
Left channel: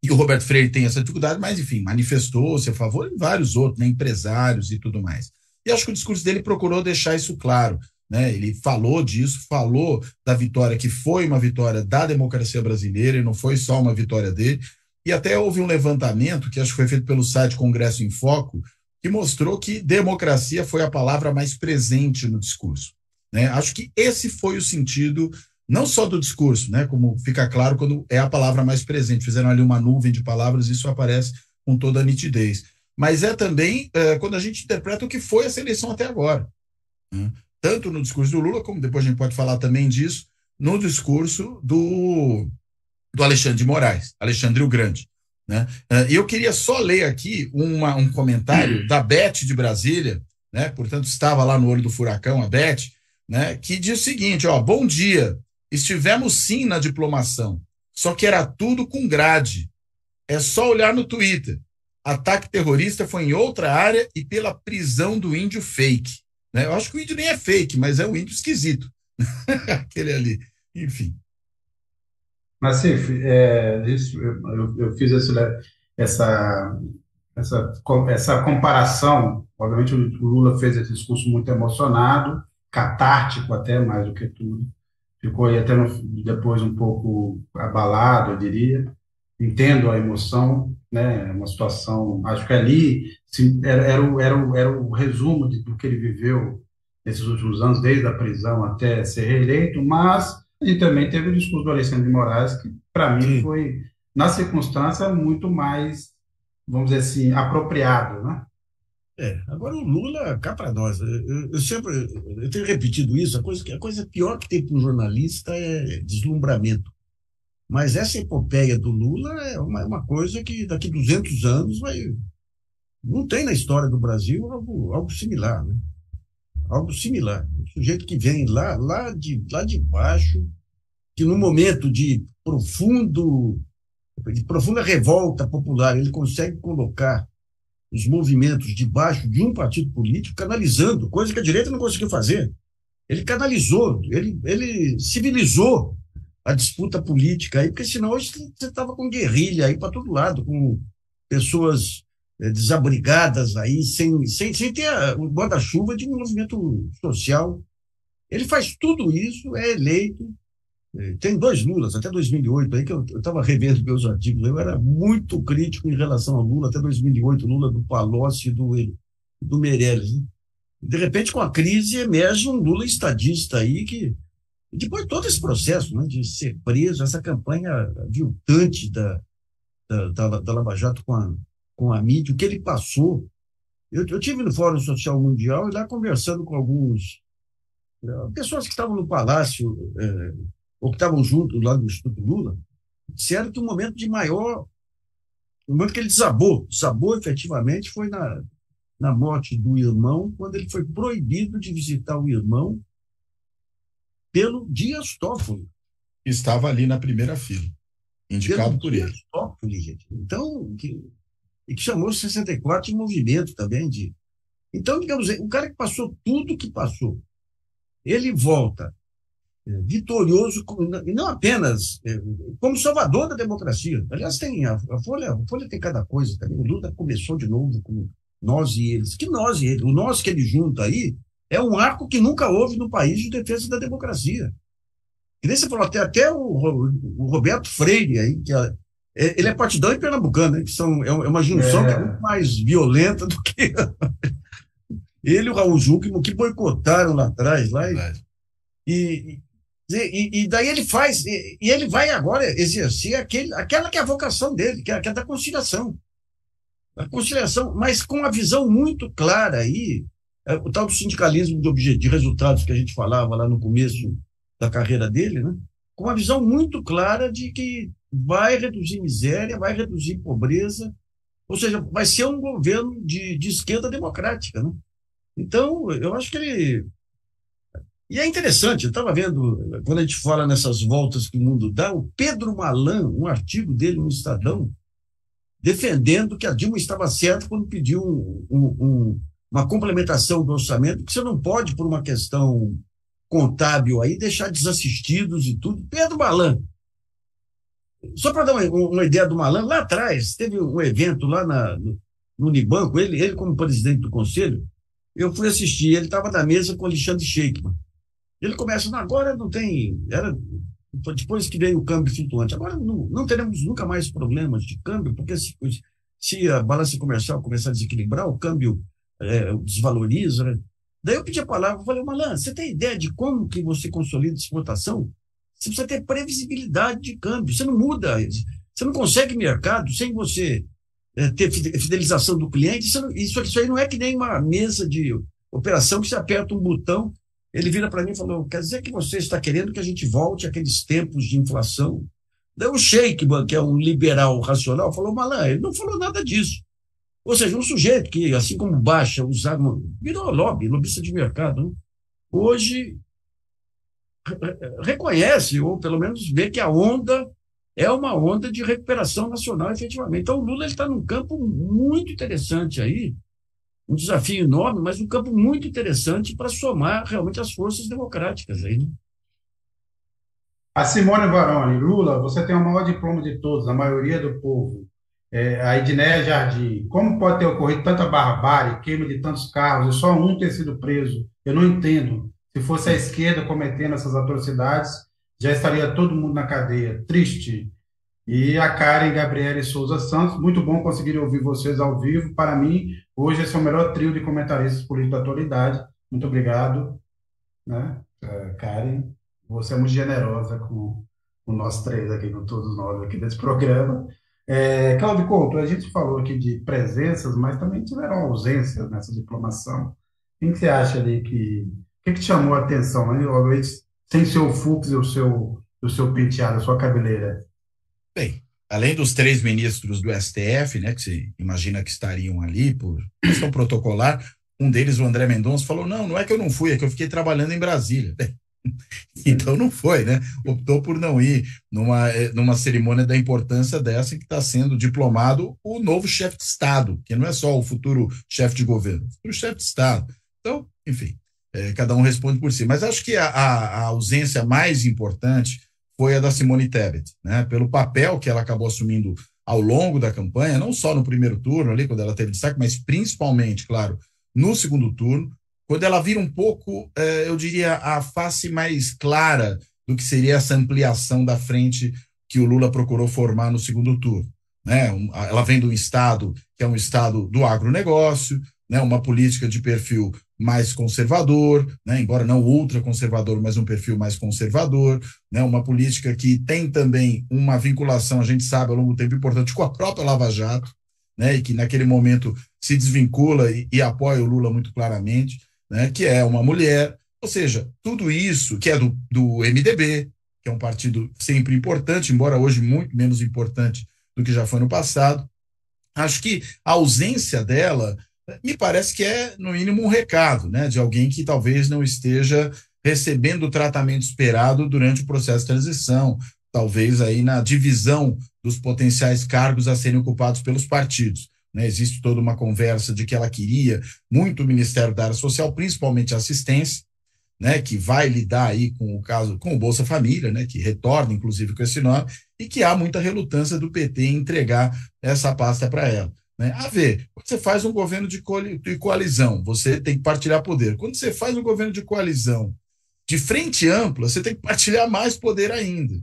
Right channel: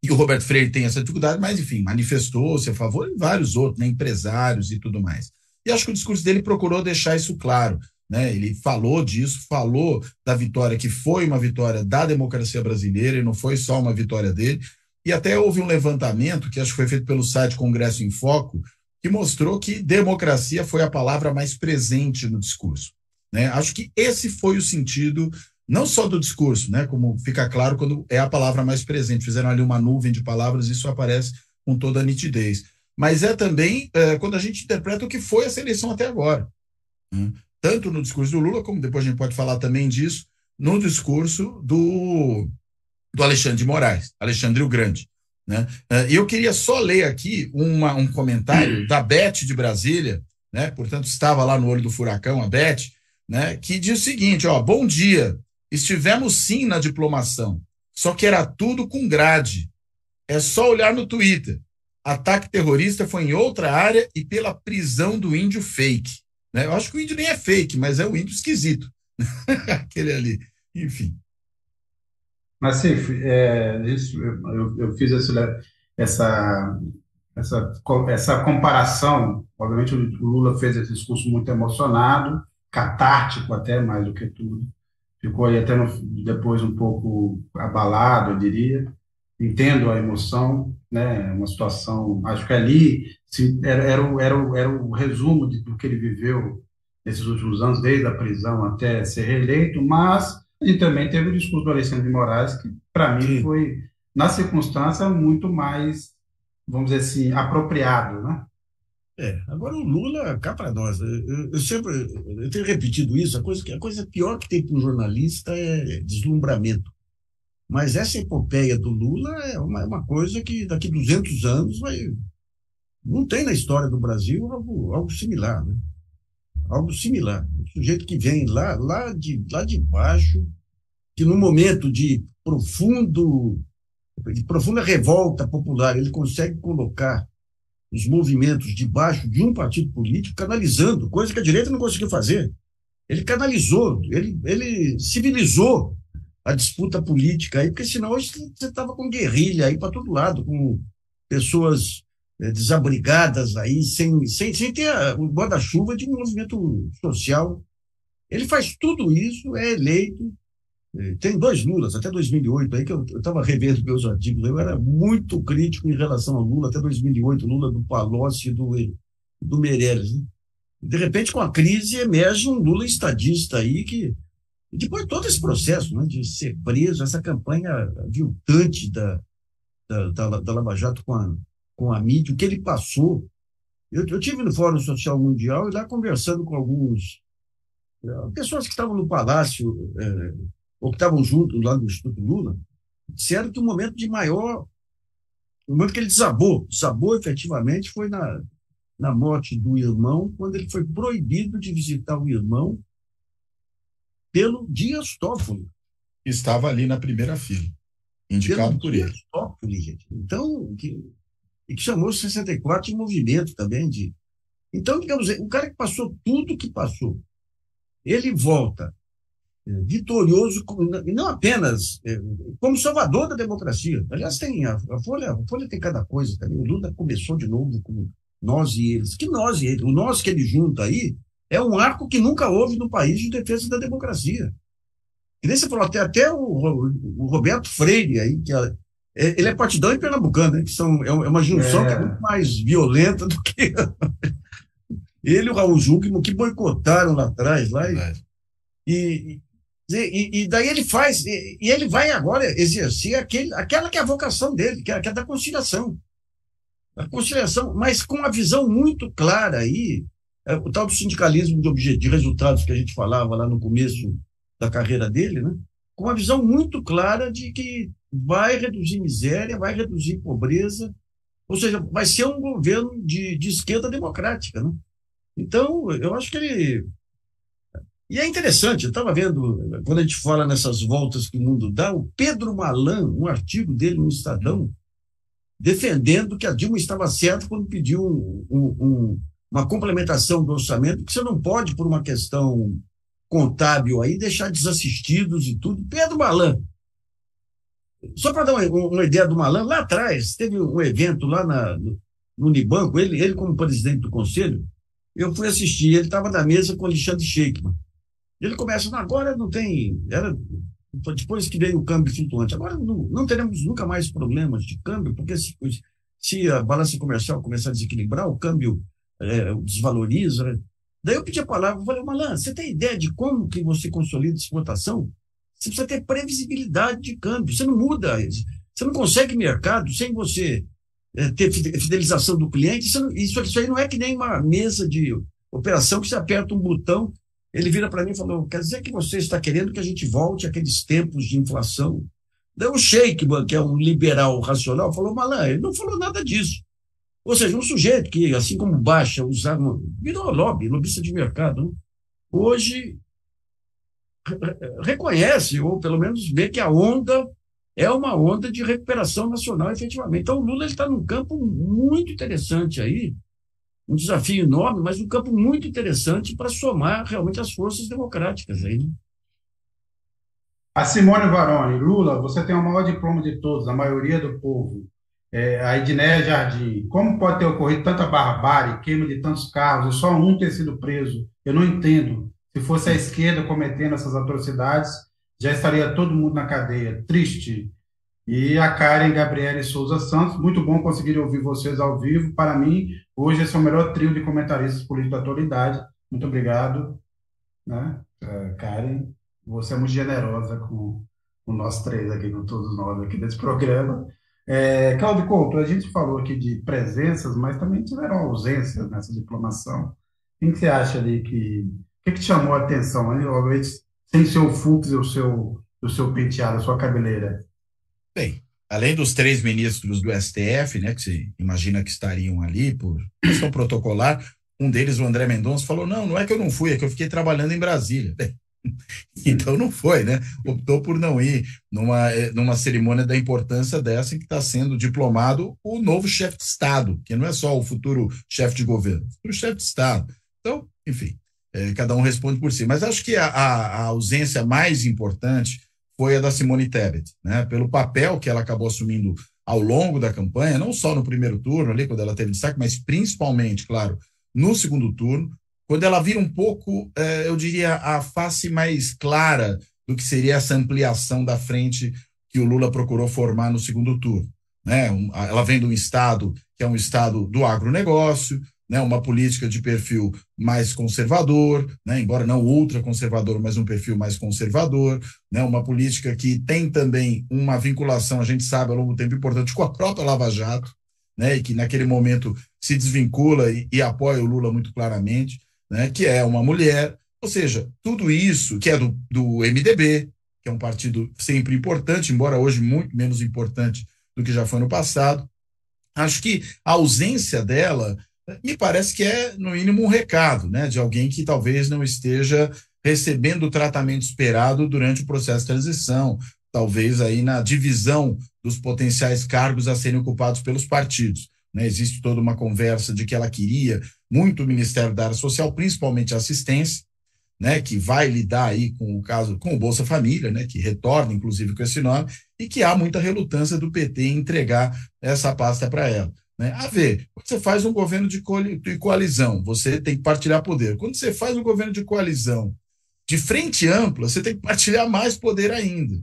E o Roberto Freire tem essa dificuldade, mas enfim, manifestou-se a favor e vários outros, né, empresários e tudo mais. E acho que o discurso dele procurou deixar isso claro, né? Ele falou disso, falou da vitória, que foi uma vitória da democracia brasileira e não foi só uma vitória dele. E até houve um levantamento, que acho que foi feito pelo site Congresso em Foco, que mostrou que democracia foi a palavra mais presente no discurso, né? Acho que esse foi o sentido, não só do discurso, né, como fica claro quando é a palavra mais presente. Fizeram ali uma nuvem de palavras, isso aparece com toda a nitidez. Mas é também quando a gente interpreta o que foi essa eleição até agora, né? Tanto no discurso do Lula, como depois a gente pode falar também disso, no discurso do Alexandre de Moraes, Alexandre o Grande. né? E eu queria só ler aqui um comentário da Beth de Brasília, né? Portanto, estava lá no olho do furacão, a Beth, né? Que diz o seguinte, ó, bom dia, estivemos sim na diplomação, só que era tudo com grade. É só olhar no Twitter. Ataque terrorista foi em outra área e pela prisão do índio fake. Né? Eu acho que o índio nem é fake, mas é um índio esquisito. Aquele ali. Enfim. Nassif, eu fiz essa comparação. Obviamente, o Lula fez esse discurso muito emocionado, catártico até, mais do que tudo. Ficou aí até depois um pouco abalado, eu diria. Entendo a emoção, né? Uma situação, acho que ali era o resumo do que ele viveu nesses últimos anos, desde a prisão até ser reeleito, mas a gente também teve o discurso do Alexandre de Moraes, que para mim foi, na circunstância, muito mais, vamos dizer assim, apropriado, né? Agora o Lula, cá para nós, eu tenho repetido isso, a coisa pior que tem para um jornalista é deslumbramento. Mas essa epopeia do Lula é uma coisa que daqui a 200 anos não tem na história do Brasil algo similar, né? Algo similar. O sujeito que vem lá de baixo, que no momento de profunda revolta popular, ele consegue colocar os movimentos debaixo de um partido político, canalizando, coisa que a direita não conseguiu fazer. Ele canalizou, ele civilizou a disputa política aí, porque senão hoje você estava com guerrilha aí para todo lado, com pessoas desabrigadas aí, sem ter o guarda-chuva de um movimento social. Ele faz tudo isso, é eleito. Tem 2 Lulas, até 2008, aí que eu estava revendo meus artigos, eu era muito crítico em relação ao Lula, até 2008, Lula do Palocci e do Meirelles. Né? De repente, com a crise, emerge um Lula estadista aí que depois de todo esse processo, né, de ser preso, essa campanha aviltante da Lava Jato com a mídia, o que ele passou. Eu tive no Fórum Social Mundial e lá conversando com alguns pessoas que estavam no Palácio, ou que estavam juntos lá no Instituto Lula, disseram que o momento que ele desabou efetivamente foi na morte do irmão, quando ele foi proibido de visitar o irmão pelo Dias Toffoli. Estava ali na primeira fila, indicado por ele. Dias Toffoli, gente. Então, que chamou 64 de movimento também. Então, digamos, o cara que passou tudo que passou, ele volta vitorioso, e não apenas como salvador da democracia. Aliás, tem a Folha tem cada coisa também. O Lula começou de novo com nós e eles. Que nós e eles? O nós que ele junta aí é um arco que nunca houve no país de defesa da democracia. E nem você falou, até o Roberto Freire aí, que ele é partidão e pernambucano, né, que é uma junção que é muito mais violenta do que ele e o Raul Zuckerman, que boicotaram lá atrás. E daí ele faz, e ele vai agora exercer aquela que é a vocação dele, que é da conciliação. A conciliação, mas com a visão muito clara aí, o tal do sindicalismo de resultados que a gente falava lá no começo da carreira dele, né? Com uma visão muito clara de que vai reduzir miséria, vai reduzir pobreza, ou seja, vai ser um governo de esquerda democrática, né? Então, eu acho que ele... E é interessante, eu estava vendo, quando a gente fala nessas voltas que o mundo dá, o Pedro Malan, um artigo dele no Estadão, defendendo que a Dilma estava certa quando pediu uma complementação do orçamento, que você não pode, por uma questão contábil aí, deixar desassistidos e tudo. Pedro Malan. Só para dar uma ideia do Malan, lá atrás, teve um evento lá no Unibanco, ele como presidente do conselho, eu fui assistir, ele estava na mesa com Alexandre Sheikman. Ele começa, agora não tem... Depois que veio o câmbio flutuante, agora não teremos nunca mais problemas de câmbio, porque se a balança comercial começar a desequilibrar, o câmbio desvaloriza. Né? Daí eu pedi a palavra, falei, Malan, você tem ideia de como que você consolida a exportação? Você precisa ter previsibilidade de câmbio, você não muda, você não consegue mercado sem você ter fidelização do cliente, isso aí não é que nem uma mesa de operação que você aperta um botão. Ele vira para mim e falou, quer dizer que você está querendo que a gente volte àqueles tempos de inflação Daí o Sheik, que é um liberal racional, falou, Malan, ele não falou nada disso. Ou seja, um sujeito que, assim como Baixa, usava, virou lobbyista de mercado, né? Hoje reconhece, ou pelo menos vê que a onda é uma onda de recuperação nacional, efetivamente. Então, o Lula está num campo muito interessante aí, um desafio enorme, mas um campo muito interessante para somar realmente as forças democráticas aí, né? A Simone Varone, Lula, você tem o maior diploma de todos, a maioria do povo. A Edneia Jardim, como pode ter ocorrido tanta barbárie, queima de tantos carros e só um ter sido preso? Eu não entendo. Se fosse a esquerda cometendo essas atrocidades, já estaria todo mundo na cadeia. Triste. E a Karen Gabriele Souza Santos, muito bom conseguir ouvir vocês ao vivo. Para mim, hoje esse é o melhor trio de comentaristas políticos da atualidade. Muito obrigado, né? Karen, você é muito generosa com nós três aqui, com todos nós aqui desse programa. Cláudio Couto, a gente falou aqui de presenças, mas também tiveram ausências nessa diplomação. O que você acha ali o que te chamou a atenção, né? Sem seu Fux e o seu penteado, a sua cabeleira? Bem, além dos 3 ministros do STF, né, que se imagina que estariam ali por questão protocolar, um deles, o André Mendonça, falou, não é que eu não fui, é que eu fiquei trabalhando em Brasília. Então não foi, né? Optou por não ir numa cerimônia da importância dessa em que está sendo diplomado o novo chefe de Estado, que não é só o futuro chefe de governo, o chefe de Estado. Então, enfim, cada um responde por si. Mas acho que a ausência mais importante foi a da Simone Tebet, né? Pelo papel que ela acabou assumindo ao longo da campanha, não só no primeiro turno, ali quando ela teve destaque, mas principalmente, claro, no segundo turno, quando ela vira um pouco, eu diria, a face mais clara do que seria essa ampliação da frente que o Lula procurou formar no segundo turno, né? Ela vem de um estado que é um estado do agronegócio, né? Uma política de perfil mais conservador, né? Embora não ultraconservador, mas um perfil mais conservador, né? Uma política que tem também uma vinculação, a gente sabe, ao longo do tempo importante com a própria Lava Jato, né? E que naquele momento se desvincula e apoia o Lula muito claramente, né, que é uma mulher, ou seja, tudo isso que é do MDB, que é um partido sempre importante, embora hoje muito menos importante do que já foi no passado. Acho que a ausência dela me parece que é, no mínimo, um recado, né, de alguém que talvez não esteja recebendo o tratamento esperado durante o processo de transição, talvez aí na divisão dos potenciais cargos a serem ocupados pelos partidos. Né, existe toda uma conversa de que ela queria muito o Ministério da Área Social, principalmente a assistência, né, que vai lidar aí com o caso, com o Bolsa Família, né, que retorna inclusive com esse nome, e que há muita relutância do PT em entregar essa pasta para ela. Né? A ver, quando você faz um governo de coalizão, você tem que partilhar poder. Quando você faz um governo de coalizão de frente ampla, você tem que partilhar mais poder ainda.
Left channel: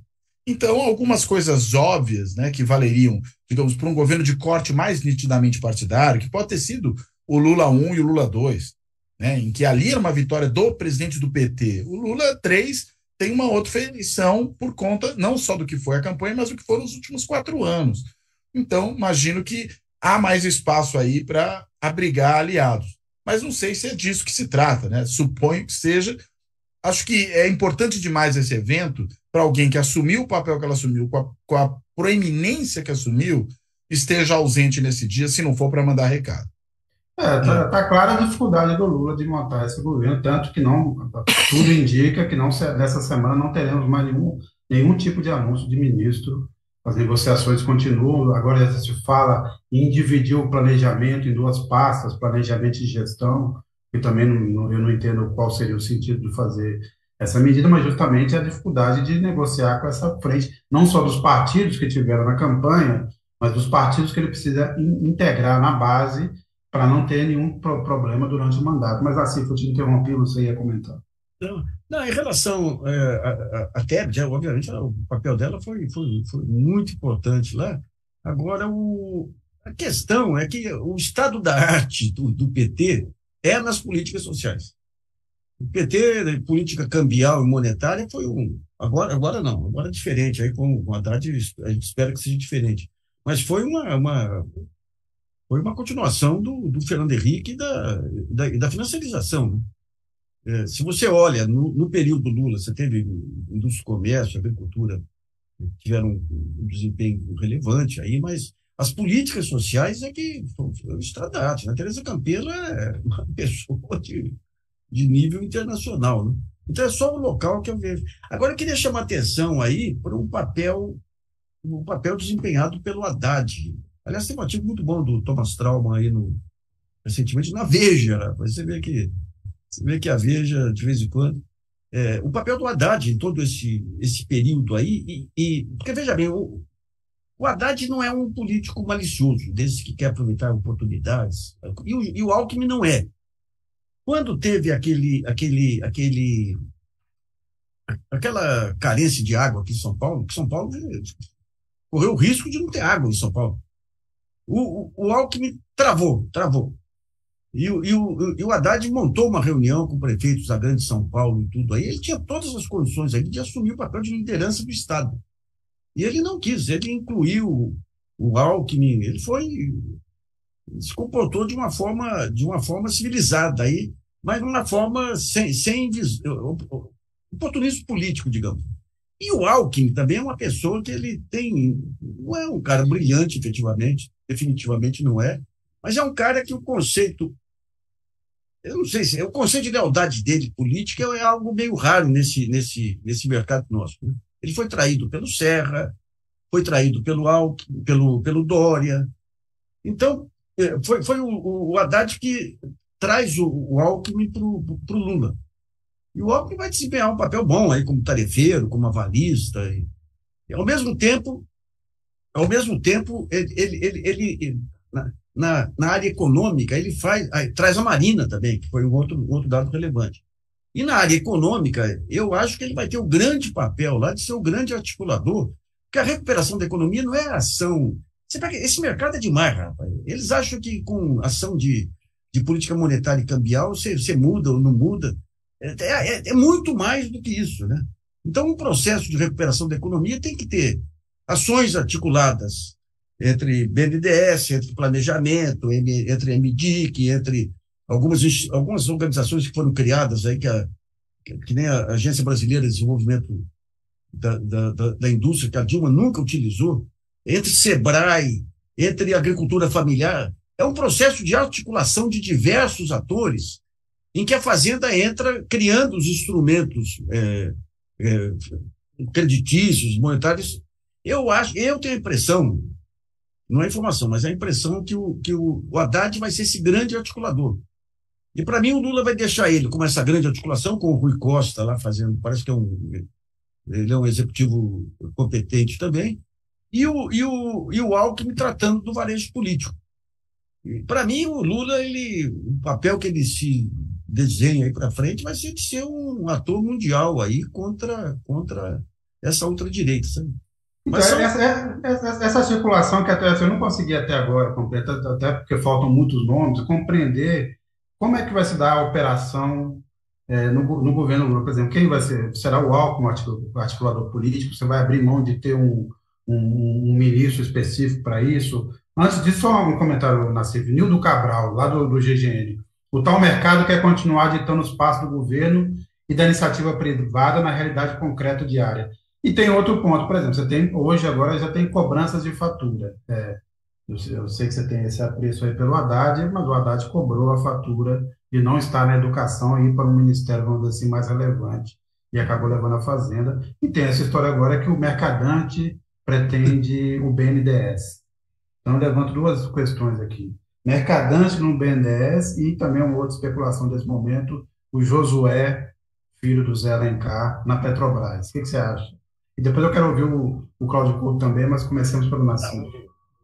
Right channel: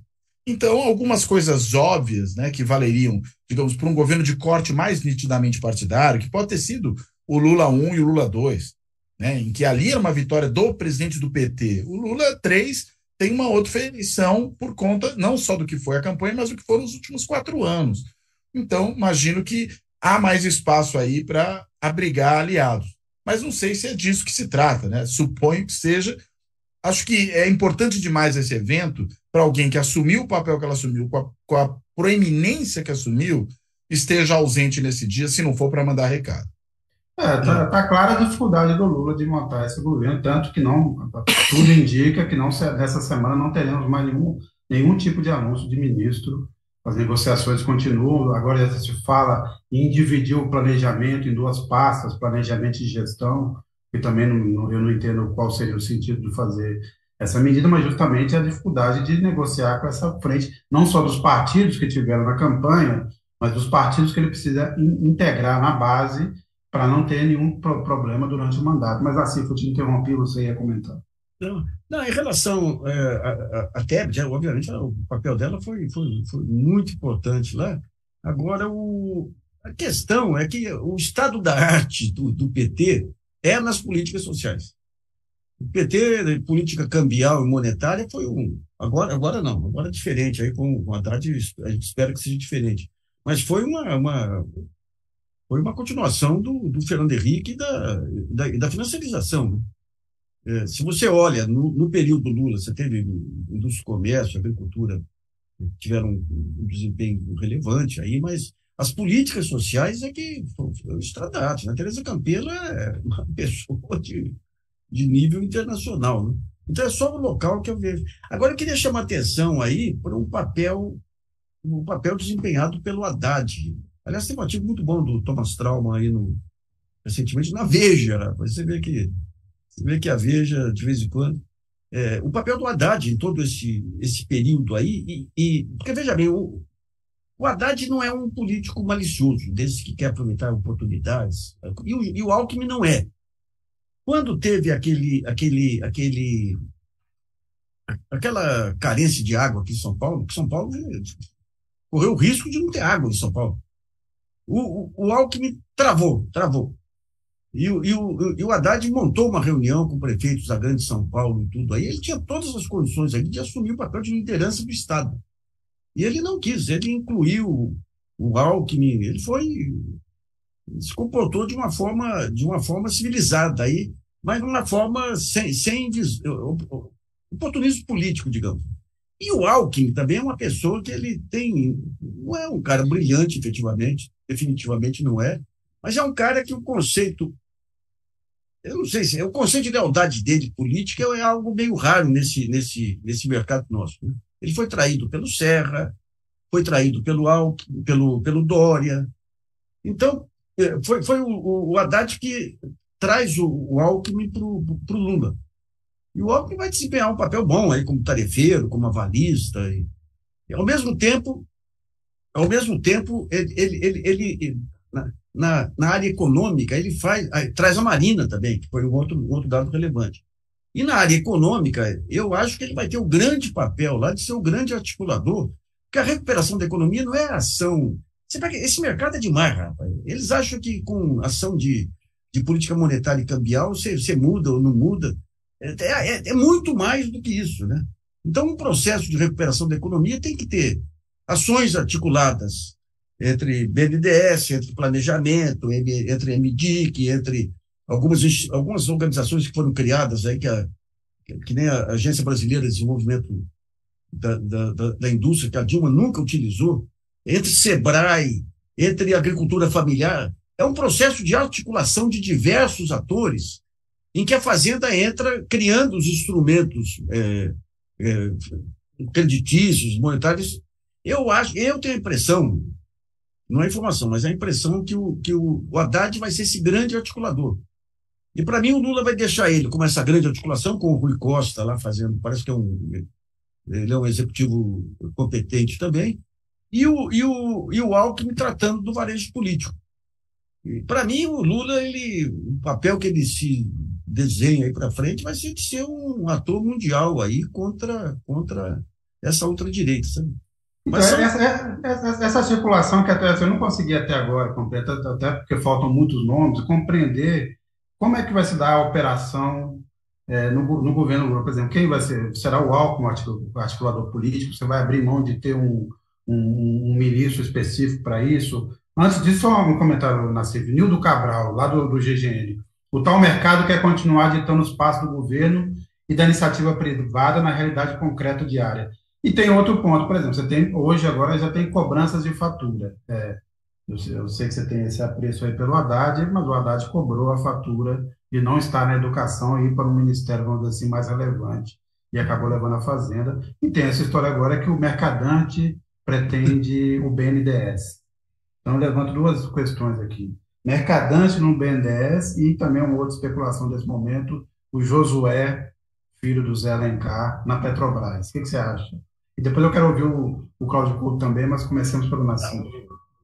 Então, algumas coisas óbvias, né, que valeriam, digamos, para um governo de corte mais nitidamente partidário, que pode ter sido o Lula 1 e o Lula 2, né, em que ali era uma vitória do presidente do PT. O Lula 3 tem uma outra feição por conta não só do que foi a campanha, mas do que foram os últimos 4 anos. Então, imagino que há mais espaço aí para abrigar aliados. Mas não sei se é disso que se trata, né? Suponho que seja. Acho que é importante demais esse evento para alguém que assumiu o papel que ela assumiu, com a proeminência que assumiu, esteja ausente nesse dia, se não for para mandar recado. Tá clara a dificuldade do Lula de montar esse governo, tanto que tudo indica que nessa semana não teremos mais nenhum tipo de anúncio de ministro. As negociações continuam, agora se fala em dividir o planejamento em 2 pastas, planejamento e gestão, que também eu não entendo qual seria o sentido de fazer essa medida, mas justamente a dificuldade de negociar com essa frente, não só dos partidos que tiveram na campanha, mas dos partidos que ele precisa integrar na base para não ter nenhum problema durante o mandato. Mas assim, eu te interrompi, você ia comentar. Não, em relação a Tebet, obviamente, o papel dela foi muito importante lá. Agora, a questão é que o estado da arte do PT é nas políticas sociais. O PT, política cambial e monetária, foi agora não, agora é diferente, aí com o Haddad a gente espera que seja diferente. Mas foi uma continuação do Fernando Henrique e da financiarização, né? Se você olha, no período Lula, você teve indústria, comércio, agricultura, tiveram um desempenho relevante aí, mas as políticas sociais é que foram estradadas, né? Tereza Campelo é uma pessoa de nível internacional, né? Então é só o local que eu vejo. Agora eu queria chamar a atenção aí para um papel desempenhado pelo Haddad. Aliás, tem um artigo muito bom do Thomas Trauman aí recentemente na Veja, né? Você vê que a Veja, de vez em quando, o papel do Haddad em todo esse período aí, porque veja bem, o Haddad não é um político malicioso, desses que quer aproveitar oportunidades, e o Alckmin não é. Quando teve aquela carência de água aqui em São Paulo, que São Paulo correu o risco de não ter água em São Paulo, o Alckmin travou. E o Haddad montou uma reunião com prefeitos da Grande São Paulo e tudo aí. Ele tinha todas as condições aí de assumir o papel de liderança do Estado. E ele não quis, ele incluiu o Alckmin, ele se comportou de uma forma civilizada aí, mas de uma forma sem oportunismo político, digamos. E o Alckmin também é uma pessoa que não é um cara brilhante, definitivamente não é, mas é um cara que o conceito de lealdade dele política é algo meio raro nesse mercado nosso, né? Ele foi traído pelo Serra, foi traído pelo Alckmin, pelo Dória. Então, foi o Haddad que traz o Alckmin para o Lula. E o Alckmin vai desempenhar um papel bom aí como tarefeiro, como avalista. E ao mesmo tempo, ele na área econômica, ele traz a Marina também, que foi um outro dado relevante. E na área econômica, eu acho que ele vai ter o grande papel lá de ser o grande articulador, porque a recuperação da economia não é ação. Esse mercado é demais, rapaz. Eles acham que com ação de política monetária e cambial você muda ou não muda. É muito mais do que isso, né? Então, um processo de recuperação da economia tem que ter ações articuladas entre BNDES, entre planejamento, entre MDIC, entre algumas organizações que foram criadas aí, que nem a Agência Brasileira de Desenvolvimento da Indústria, que a Dilma nunca utilizou, entre SEBRAE, entre agricultura familiar. É um processo de articulação de diversos atores em que a Fazenda entra criando os instrumentos creditícios, monetários. Eu tenho a impressão, não é informação, mas é a impressão que o Haddad vai ser esse grande articulador. E, para mim, o Lula vai deixar ele com essa grande articulação, com o Rui Costa lá fazendo, parece que ele é um executivo competente também, e o Alckmin tratando do varejo político. Para mim, o Lula, o papel que ele se desenha aí para frente vai ser de ser um ator mundial aí contra essa ultradireita, sabe? Mas essa circulação que até eu não consegui até agora completar, até porque faltam muitos nomes, compreender como é que vai se dar a operação no governo Lula, por exemplo, quem vai ser? Será o Alckmin, o articulador político? Você vai abrir mão de ter um ministro específico para isso? Antes disso, só um comentário, Nassif. Nildo Cabral, lá do GGN. O tal mercado quer continuar ditando os passos do governo e da iniciativa privada na realidade concreta diária. E tem outro ponto, por exemplo, hoje agora já tem cobranças de fatura. Eu sei que você tem esse apreço aí pelo Haddad, mas o Haddad cobrou a fatura de não estar na educação e ir para um ministério, vamos dizer assim, mais relevante, e acabou levando a Fazenda. E tem essa história agora que o mercadante pretende o BNDES. Então, eu levanto duas questões aqui. Mercadante no BNDES e também uma outra especulação desse momento, o Josué, filho do Zé Alencar, na Petrobras. O que você acha? E depois eu quero ouvir o Cláudio Couto também, mas comecemos pelo Nassif.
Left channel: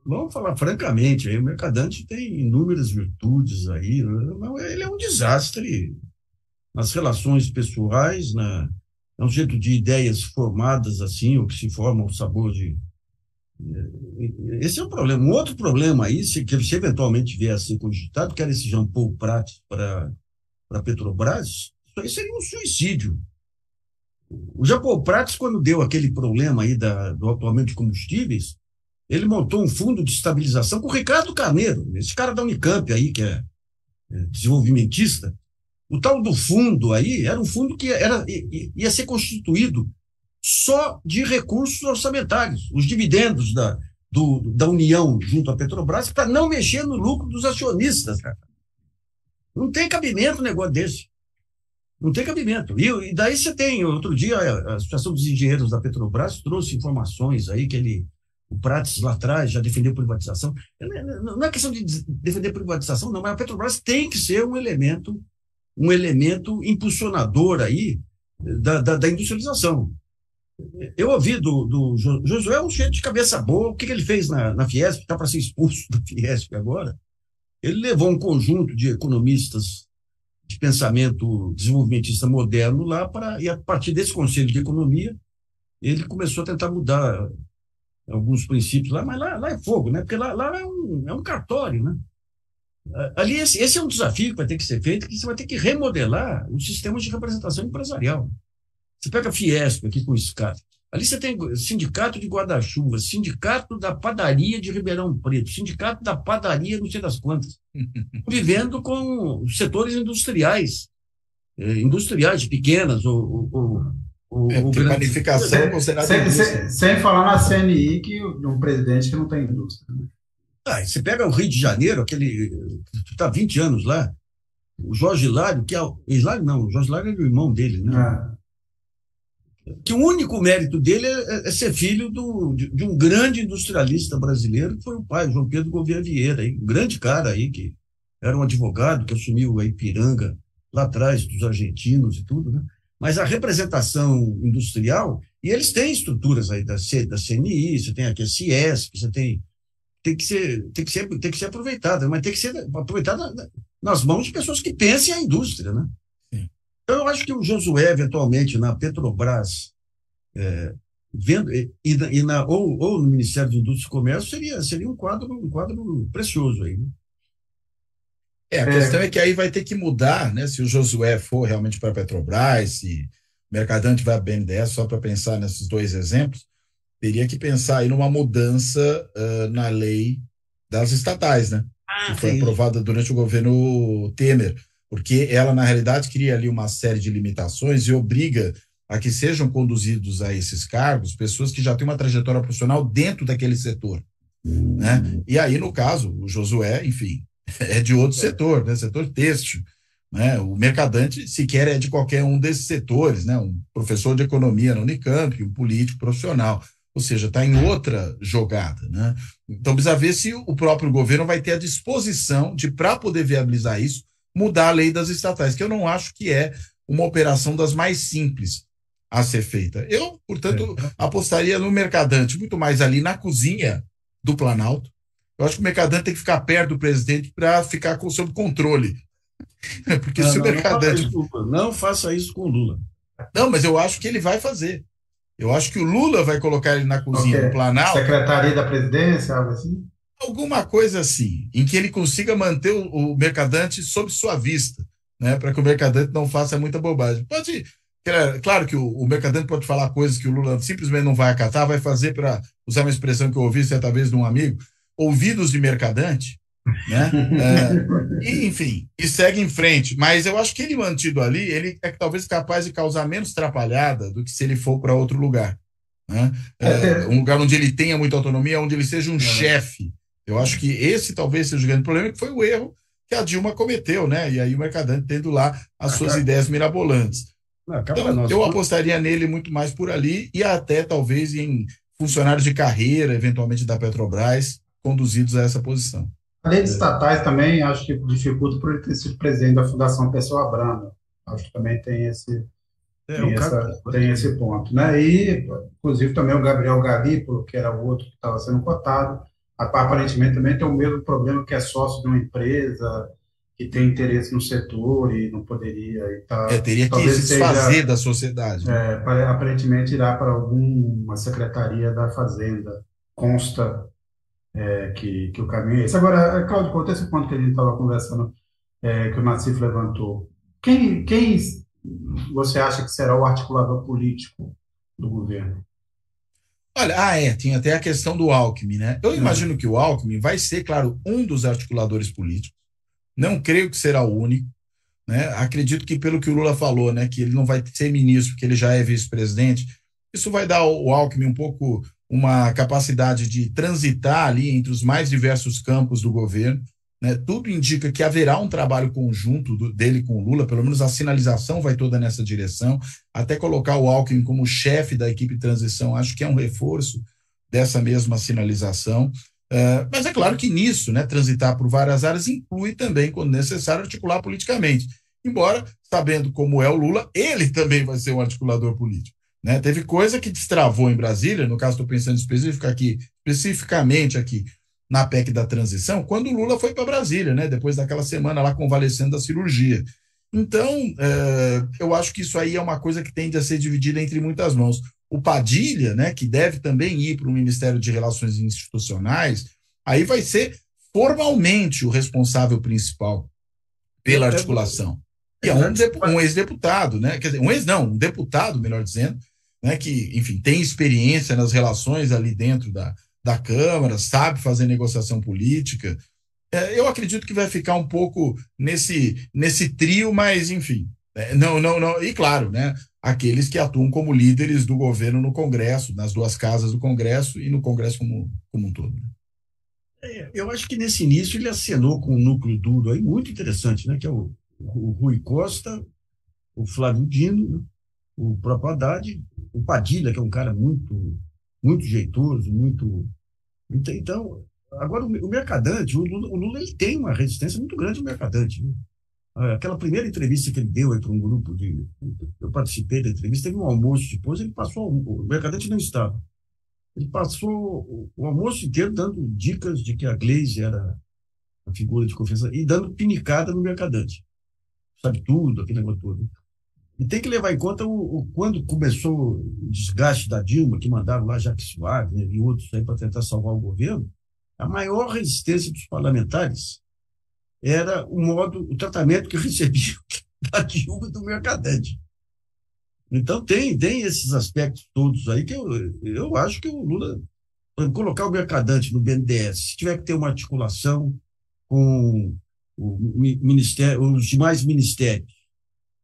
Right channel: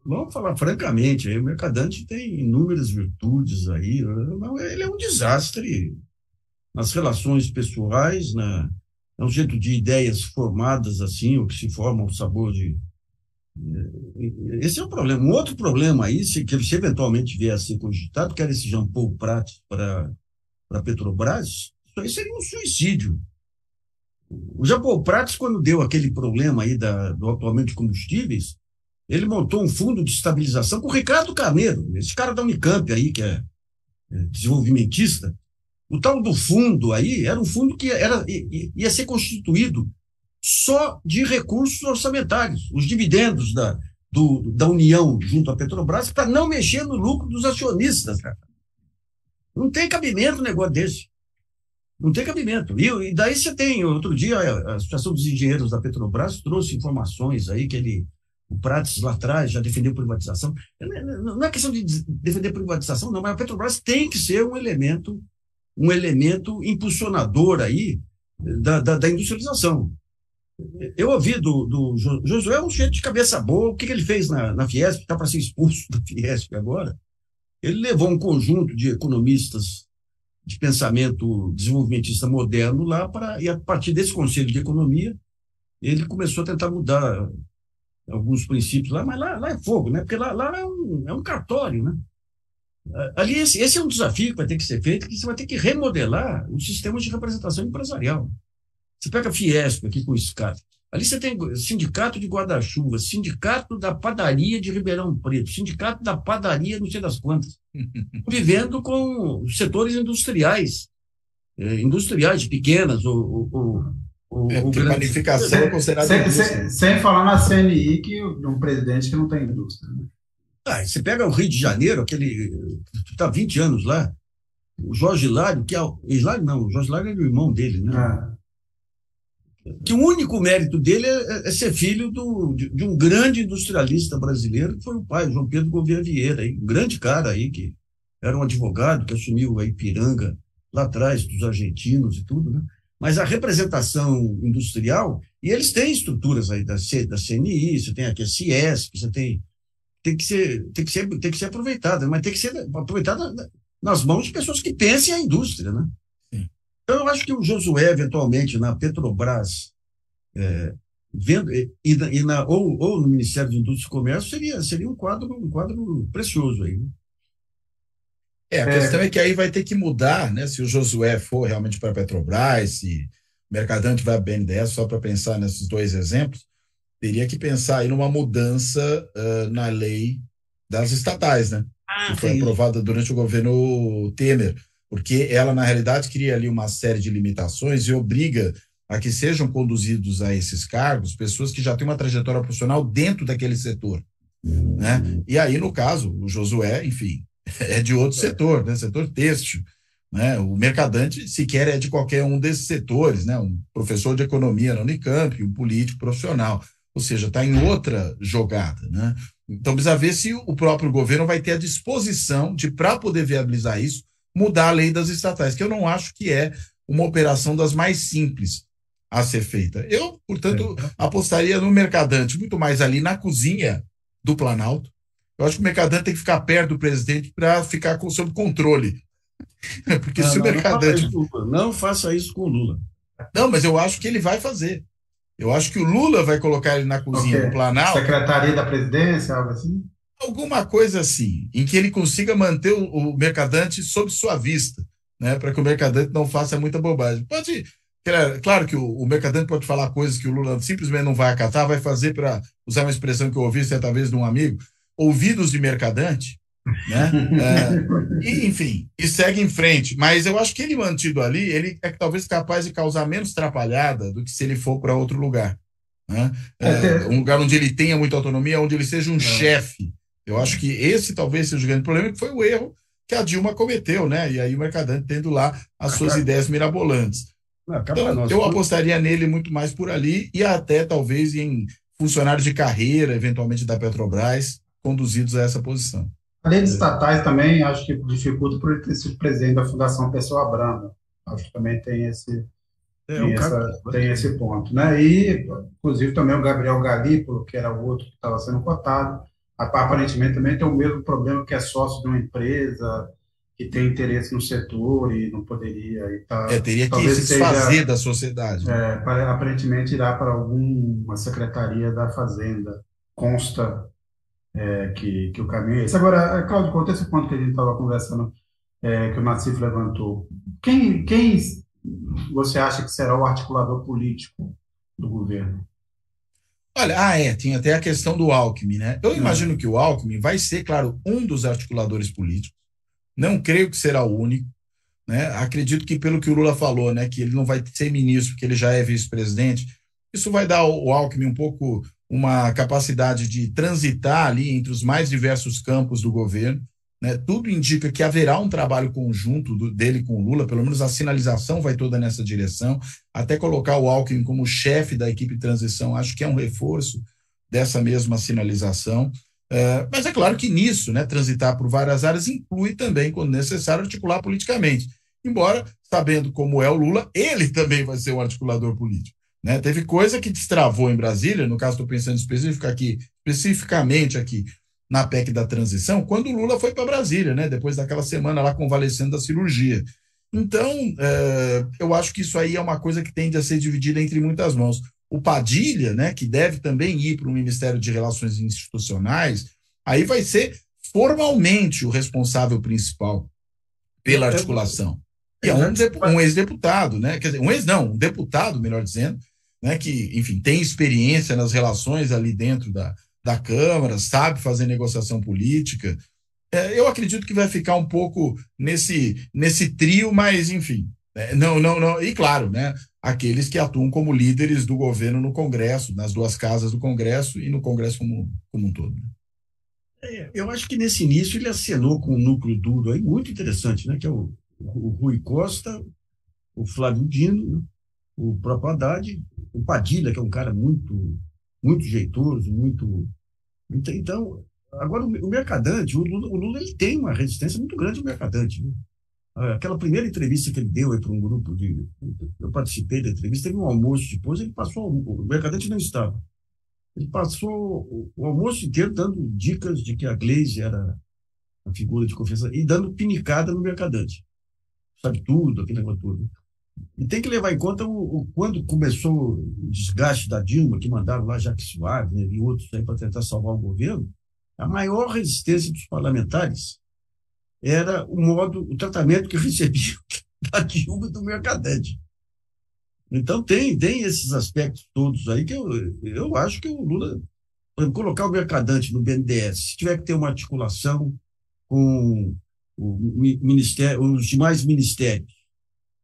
Vamos falar francamente, aí, o mercadante tem inúmeras virtudes aí, ele é um desastre nas relações pessoais, é um jeito de ideias formadas assim, ou que se formam ao sabor de... Esse é um problema. Um outro problema aí, se eventualmente vier a ser cogitado, que era esse Jean Paul Prats para a Petrobras, isso aí seria um suicídio. O Jean Paul Prats, quando deu aquele problema aí do aumento de combustíveis, ele montou um fundo de estabilização com o Ricardo Carneiro, esse cara da Unicamp aí, que é desenvolvimentista. O tal do fundo aí era um fundo que ia ser constituído só de recursos orçamentários, os dividendos da União junto à Petrobras, para não mexer no lucro dos acionistas, cara. Não tem cabimento um negócio desse. Não tem cabimento. E daí você tem, outro dia, a Associação dos Engenheiros da Petrobras trouxe informações aí que o Prates lá atrás já defendeu privatização. Não é questão de defender privatização, não, mas a Petrobras tem que ser um elemento impulsionador aí da industrialização. Eu ouvi do Josué um cheio de cabeça boa. O que ele fez na Fiesp? Está para ser expulso da Fiesp agora. Ele levou um conjunto de economistas de pensamento desenvolvimentista moderno lá e a partir desse Conselho de Economia, ele começou a tentar mudar alguns princípios lá, mas lá é fogo, né? Porque lá é um cartório, né? Ali esse é um desafio que vai ter que ser feito, que você vai ter que remodelar o sistema de representação empresarial. Você pega a Fiesp aqui com o SCAT. Ali você tem sindicato de guarda-chuva, sindicato da padaria de Ribeirão Preto, sindicato da padaria não sei das quantas, vivendo com setores industriais pequenas ou panificação é considerada indústria. Sem falar na CNI, que um presidente que não tem indústria. Né? Você pega o Rio de Janeiro, aquele que está há 20 anos lá, o Jorge Hilário, o Jorge Hilário é o irmão dele, né? Que o único mérito dele é ser filho de um grande industrialista brasileiro, que foi o pai, João Pedro Gouveia Vieira, um grande cara aí, que era um advogado que assumiu a Ipiranga lá atrás, dos argentinos e tudo, né? Mas a representação industrial, e eles têm estruturas aí da CNI, você tem aqui a Ciesp, você tem que ser aproveitada, mas tem que ser aproveitada nas mãos de pessoas que pensem a indústria, né? Então, eu acho que o Josué, eventualmente, na Petrobras, vendo, ou no Ministério de Indústria e Comércio, seria um quadro precioso aí. Né? A questão é que aí vai ter que mudar, né? Se o Josué for realmente para a Petrobras, se o Mercadante vai a BNDES, só para pensar nesses dois exemplos, teria que pensar aí numa mudança na lei das estatais, né? Que foi aprovada durante o governo Temer. Porque ela, na realidade, cria ali uma série de limitações e obriga a que sejam conduzidos a esses cargos pessoas que já têm uma trajetória profissional dentro daquele setor. Né? E aí, no caso, o Josué, enfim, é de outro setor, né? Setor têxtil. Né? O Mercadante sequer é de qualquer um desses setores, né? Um professor de economia na Unicamp, um político profissional. Ou seja, está em outra jogada. Né? Então, precisa ver se o próprio governo vai ter a disposição de, para poder viabilizar isso, mudar a lei das estatais, que eu não acho que é uma operação das mais simples a ser feita. Eu, portanto, apostaria no Mercadante, muito mais ali na cozinha do Planalto. Eu acho que o Mercadante tem que ficar perto do presidente para ficar sob controle. Porque se o Mercadante... Não faça isso com o Lula. Não, mas eu acho que ele vai fazer. Eu acho que o Lula vai colocar ele na cozinha do Planalto. Secretaria da Presidência, algo assim? Alguma coisa assim, em que ele consiga manter o Mercadante sob sua vista, né, para que o Mercadante não faça muita bobagem. Claro que o Mercadante pode falar coisas que o Lula simplesmente não vai acatar, vai fazer, para usar uma expressão que eu ouvi certa vez de um amigo, ouvidos de Mercadante, né? E, enfim, e segue em frente. Mas eu acho que ele mantido ali, ele é talvez capaz de causar menos atrapalhada do que se ele for para outro lugar. Né? Um lugar onde ele tenha muita autonomia, onde ele seja um chefe. Eu acho que esse talvez seja o grande problema, que foi o erro que a Dilma cometeu, né? E aí o Mercadante tendo lá as suas ideias mirabolantes. Então, eu apostaria nele muito mais por ali e até talvez em funcionários de carreira, eventualmente da Petrobras, conduzidos a essa posição. A lei de estatais também acho que dificulta por ele ter sido presidente da Fundação Pessoa Branda. Acho que também tem esse ponto, né? E, inclusive, também o Gabriel Galípolo, que era o outro que estava sendo cotado, aparentemente também tem o mesmo problema, que é sócio de uma empresa que tem interesse no setor e não poderia. Teria que se desfazer da sociedade. Aparentemente irá para alguma secretaria da Fazenda. Consta que o caminho é esse. Agora, Cláudio, quanto a esse ponto que a gente estava conversando, que o Nassif levantou, quem você acha que será o articulador político do governo? Olha, tinha até a questão do Alckmin, né? Eu imagino que o Alckmin vai ser, claro, um dos articuladores políticos. Não creio que será o único, né? Acredito que, pelo que o Lula falou, né, que ele não vai ser ministro porque ele já é vice-presidente, Isso vai dar ao Alckmin um pouco uma capacidade de transitar ali entre os mais diversos campos do governo, né? Tudo indica que haverá um trabalho conjunto dele com o Lula, pelo menos a sinalização vai toda nessa direção, até colocar o Alckmin como chefe da equipe de transição, acho que é um reforço dessa mesma sinalização. Mas é claro que nisso, né, transitar por várias áreas inclui também, quando necessário, articular politicamente. Embora, sabendo como é o Lula, ele também vai ser um articulador político, né? Teve coisa que destravou em Brasília, no caso estou pensando especificamente aqui na PEC da transição, quando o Lula foi para Brasília, né, depois daquela semana lá convalescendo da cirurgia. Então, eu acho que isso aí é uma coisa que tende a ser dividida entre muitas mãos. O Padilha, né, que deve também ir para o Ministério de Relações Institucionais, aí vai ser formalmente o responsável principal pela articulação. E é um ex-deputado, né? Quer dizer, um deputado, melhor dizendo, né, que, enfim, tem experiência nas relações ali dentro da Câmara, sabe fazer negociação política. Eu acredito que vai ficar um pouco nesse trio, mas, enfim, não. E, claro, né, aqueles que atuam como líderes do governo no Congresso, nas duas casas do Congresso e no Congresso como um todo. Eu acho que nesse início ele acenou com um núcleo duro aí muito interessante, né, que é o Rui Costa, o Flávio Dino, né, o próprio Haddad, o Padilha, que é um cara muito, muito jeitoso, muito... Então, agora o Mercadante, o Lula ele tem uma resistência muito grande ao Mercadante, né? Aquela primeira entrevista que ele deu aí para um grupo eu participei da entrevista, teve um almoço depois, ele passou, o Mercadante não estava, ele passou o almoço inteiro dando dicas de que a Gleisi era a figura de confiança e dando pinicada no Mercadante, sabe tudo, aquele negócio todo. E tem que levar em conta quando começou o desgaste da Dilma, que mandaram lá Jacques Wagner, né, e outros aí para tentar salvar o governo, a maior resistência dos parlamentares era o tratamento que recebiam da Dilma e do Mercadante. Então tem esses aspectos todos aí que eu acho que o Lula, colocar o Mercadante no BNDES, se tiver que ter uma articulação com os demais ministérios,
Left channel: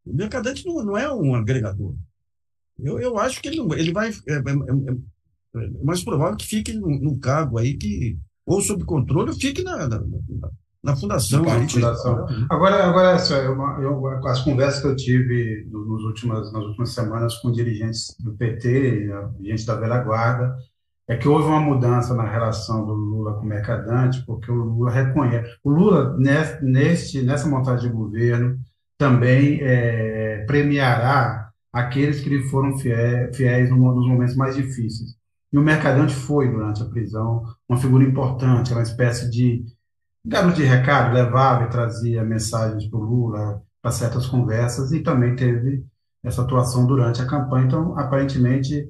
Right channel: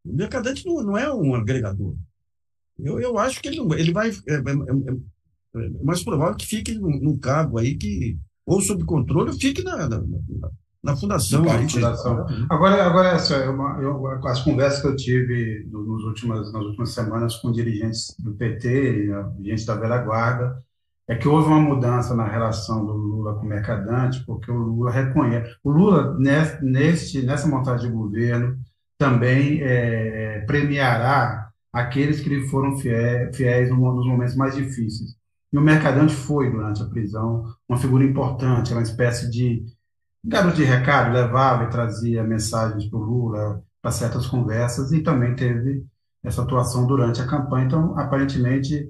o Mercadante não é um agregador. Eu acho que ele vai... É mais provável que fique num cargo aí que ou sob controle ou fique na fundação. Agora as conversas que eu tive nas últimas semanas com dirigentes do PT, dirigentes da velha guarda, é que houve uma mudança na relação do Lula com o Mercadante, porque o Lula reconhece... O Lula, nessa montagem de governo, também premiará aqueles que lhe foram fiéis nos momentos mais difíceis. E o Mercadante foi, durante a prisão, uma figura importante, uma espécie de garoto de recado, levava e trazia mensagens para o Lula, para certas conversas, e também teve essa atuação durante a campanha. Então, aparentemente,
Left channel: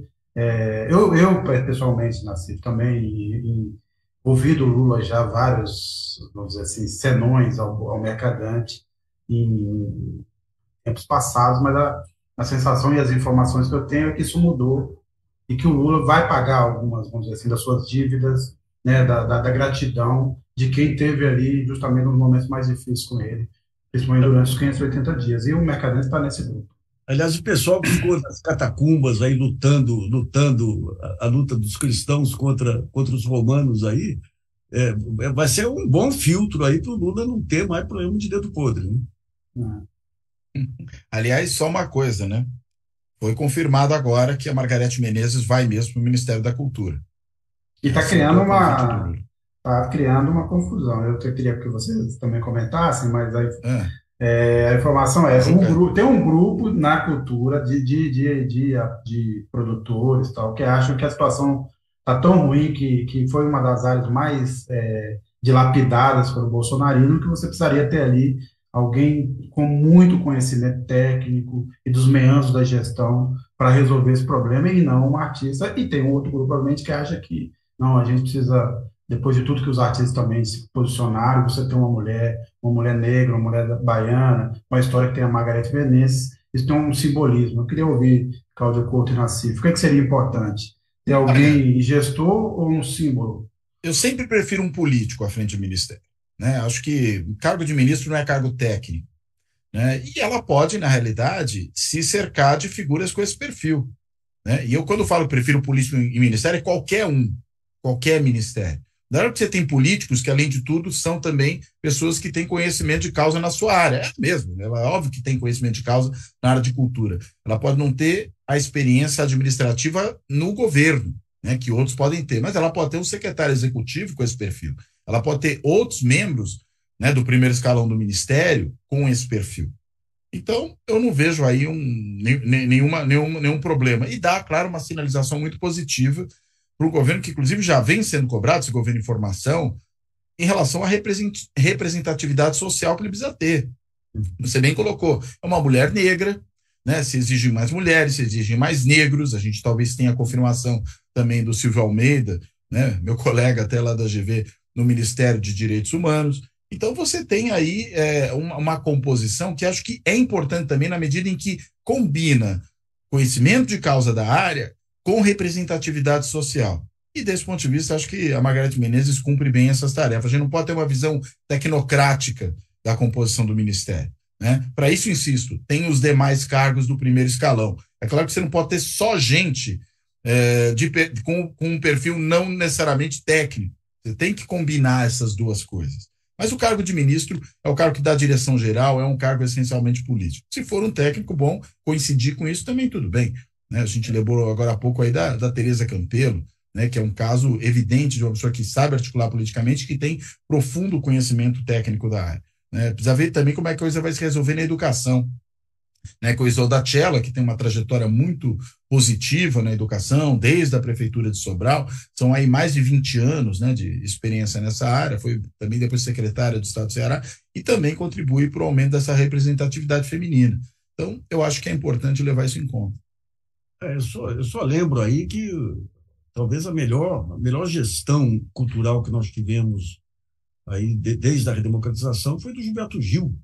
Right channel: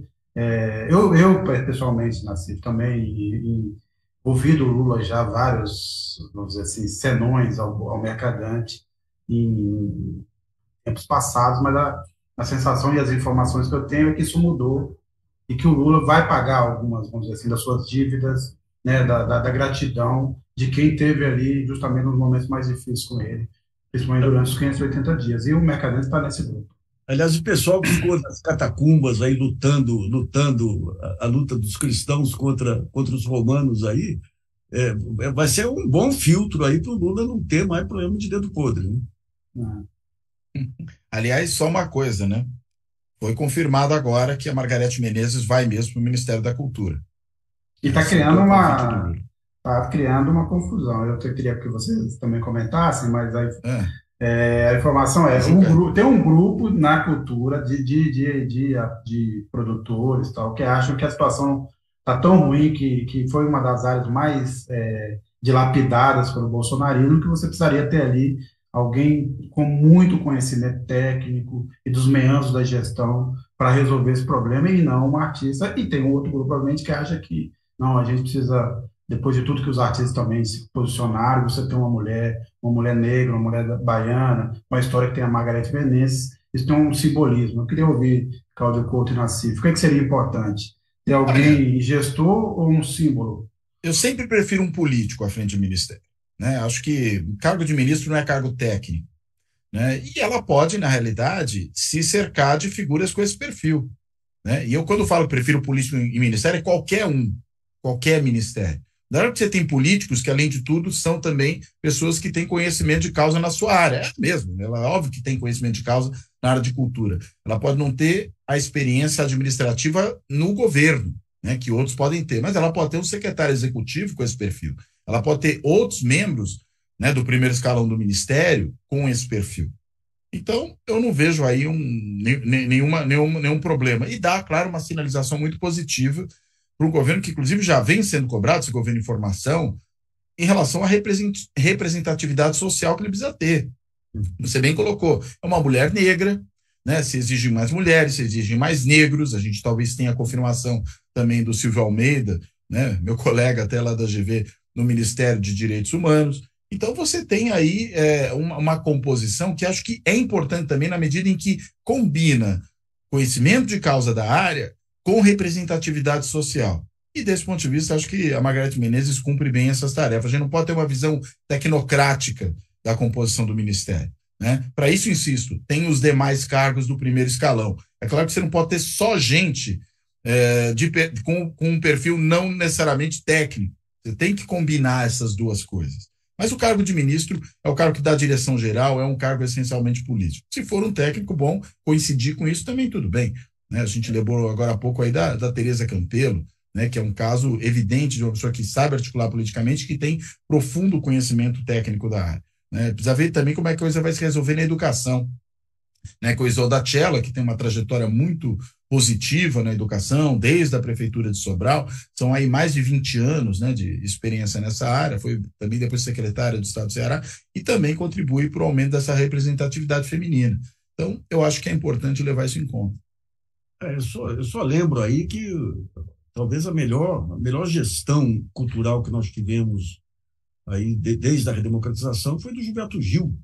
eu pessoalmente, Nassif, também ouvi do Lula já vários, vamos dizer assim, senões ao Mercadante em tempos passados, mas a sensação e as informações que eu tenho é que isso mudou e que o Lula vai pagar algumas, vamos dizer assim, das suas dívidas, né, da gratidão de quem teve ali justamente nos momentos mais difíceis com ele, principalmente durante os 580 dias. E o Mercadante está nesse grupo. Aliás, o pessoal que ficou nas catacumbas aí lutando a luta dos cristãos contra os romanos aí, vai ser um bom filtro aí para o Lula não ter mais problema de dedo podre, né? Aliás, só uma coisa, né? Foi confirmado agora que a Margarete Menezes vai mesmo para o Ministério da Cultura. E está criando uma confusão. Eu queria que vocês também comentassem, mas a informação tem um grupo na cultura de produtores tal, que acham que a situação está tão ruim que foi uma das áreas mais dilapidadas pelo bolsonarismo, que você precisaria ter ali alguém com muito conhecimento técnico e dos meandros da gestão para resolver esse problema, e não uma artista. E tem um outro grupo, provavelmente, que acha que não, a gente precisa, depois de tudo que os artistas também se posicionaram, você tem uma mulher negra, uma mulher baiana, uma história que tem a Margarete Menezes, isso tem um simbolismo. Eu queria ouvir Cláudio Couto e Nassif. O que seria importante? Ter alguém gestor ou um símbolo? Eu sempre prefiro um político à frente do ministério, né? Acho que cargo de ministro não é cargo técnico, né? E ela pode, na realidade, se cercar de figuras com esse perfil, né? E eu, quando falo prefiro político em ministério, é qualquer ministério. Na hora que você tem políticos que, além de tudo, são também pessoas que têm conhecimento de causa na sua área. É mesmo, ela é óbvio que tem conhecimento de causa na área de cultura. Ela pode não ter a experiência administrativa no governo, né, que outros podem ter, mas ela pode ter um secretário executivo com esse perfil. Ela pode ter outros membros, né, do primeiro escalão do ministério com esse perfil. Então, eu não vejo aí nenhum problema. E dá, claro, uma sinalização muito positiva para o governo, que inclusive já vem sendo cobrado, esse governo de informação, em relação à representatividade social que ele precisa ter. Você bem colocou, é uma mulher negra, né? Se exigem mais mulheres, se exigem mais negros, a gente talvez tenha a confirmação também do Silvio Almeida, né? Meu colega até lá da GV, no Ministério de Direitos Humanos. Então você tem aí uma composição que acho que é importante também na medida em que combina conhecimento de causa da área com representatividade social. E desse ponto de vista, acho que a Margareth Menezes cumpre bem essas tarefas. A gente não pode ter uma visão tecnocrática da composição do Ministério, né? Para isso, insisto, tem os demais cargos do primeiro escalão. É claro que você não pode ter só gente com um perfil não necessariamente técnico. Você tem que combinar essas duas coisas. Mas o cargo de ministro é o cargo que dá a direção geral, é um cargo essencialmente político. Se for um técnico bom, coincidir com isso também tudo bem. Né? A gente lembrou agora há pouco aí da Tereza Campelo, né, que é um caso evidente de uma pessoa que sabe articular politicamente, que tem profundo conhecimento técnico da área. Né? Precisa ver também como é que a coisa vai se resolver na educação. Né, com o Isolda Cella, que tem uma trajetória muito positiva na educação, desde a Prefeitura de Sobral, são aí mais de 20 anos, né, de experiência nessa área, foi também depois secretária do Estado do Ceará, e também contribui para o aumento dessa representatividade feminina. Então, eu acho que é importante levar isso em conta. Eu só lembro aí que talvez a melhor gestão cultural que nós tivemos aí desde a redemocratização foi do Gilberto Gil.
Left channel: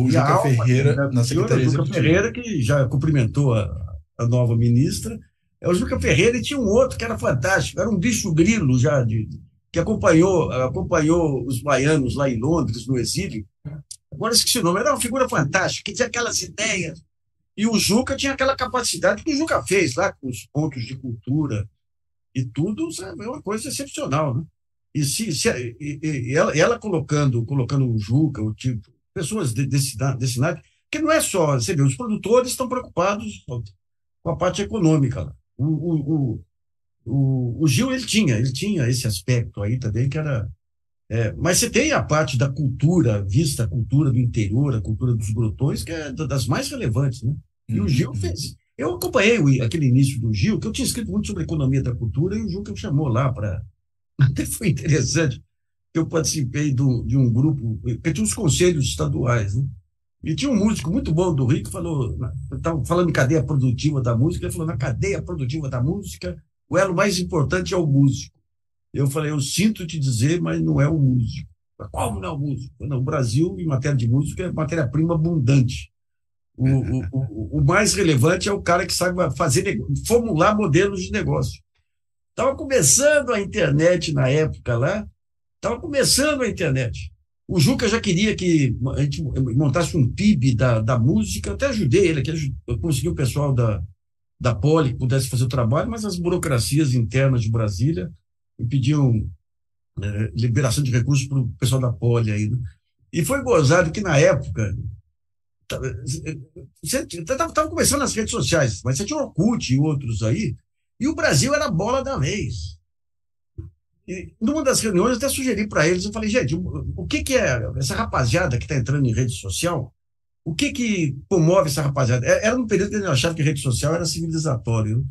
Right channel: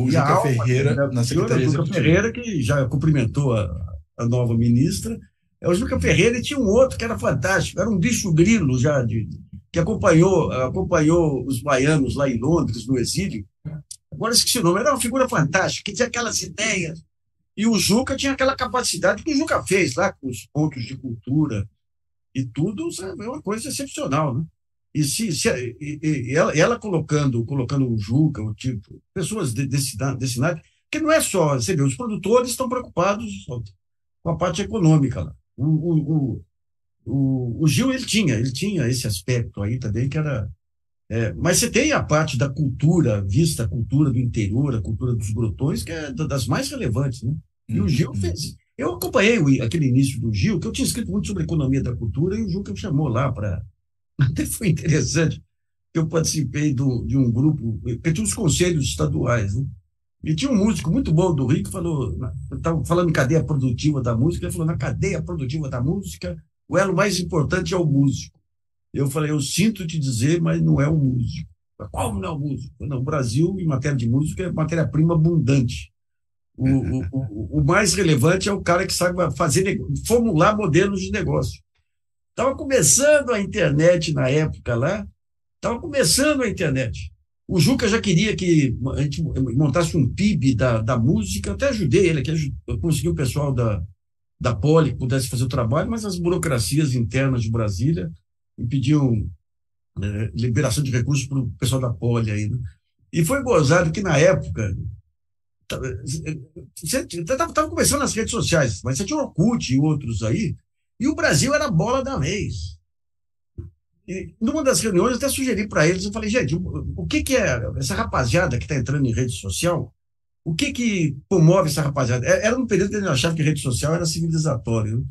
O Juca Ferreira, na Secretaria Executiva. Juca Ferreira, que já cumprimentou a nova ministra. O Juca Ferreira, e tinha um outro que era fantástico, era um bicho grilo já, que acompanhou os baianos lá em Londres, no exílio. Agora esqueci o nome, era uma figura fantástica, que tinha aquelas ideias. E o Juca tinha aquela capacidade que o Juca fez lá, com os pontos de cultura e tudo, sabe? É uma coisa excepcional, né? E ela colocando o Juca, o tipo, pessoas desse naipe, que não é só, você vê, os produtores estão preocupados com a parte econômica lá. O Gil, ele tinha esse aspecto aí também, que era... mas você tem a parte da cultura, vista a cultura do interior, a cultura dos grotões, que é das mais relevantes, né? E o Gil fez... Eu acompanhei aquele início do Gil, que eu tinha escrito muito sobre a economia da cultura, e o Gil que me chamou lá para... Até foi interessante, que eu participei de um grupo, que tinha os conselhos estaduais, né? E tinha um músico muito bom do Rio que falou, estava falando em cadeia produtiva da música, ele falou, na cadeia produtiva da música, o elo mais importante é o músico. Eu falei, eu sinto te dizer, mas não é o músico. Como não é o músico? Não, o Brasil, em matéria de música, é matéria-prima abundante. O mais relevante é o cara que sabe formular modelos de negócio. Estava começando a internet na época lá, O Juca já queria que a gente montasse um PIB da música, eu até ajudei ele, eu consegui o pessoal da Poli que pudesse fazer o trabalho, mas as burocracias internas de Brasília impediam liberação de recursos para o pessoal da Poli aí, né? E foi gozado que na época você estava começando nas redes sociais, mas você tinha o Orkut e outros aí, e o Brasil era a bola da vez. E numa das reuniões, eu até sugeri para eles, eu falei, gente, o que é essa rapaziada que está entrando em rede social? O que comove essa rapaziada? Era no período que a gente achava que a rede social era civilizatória, né?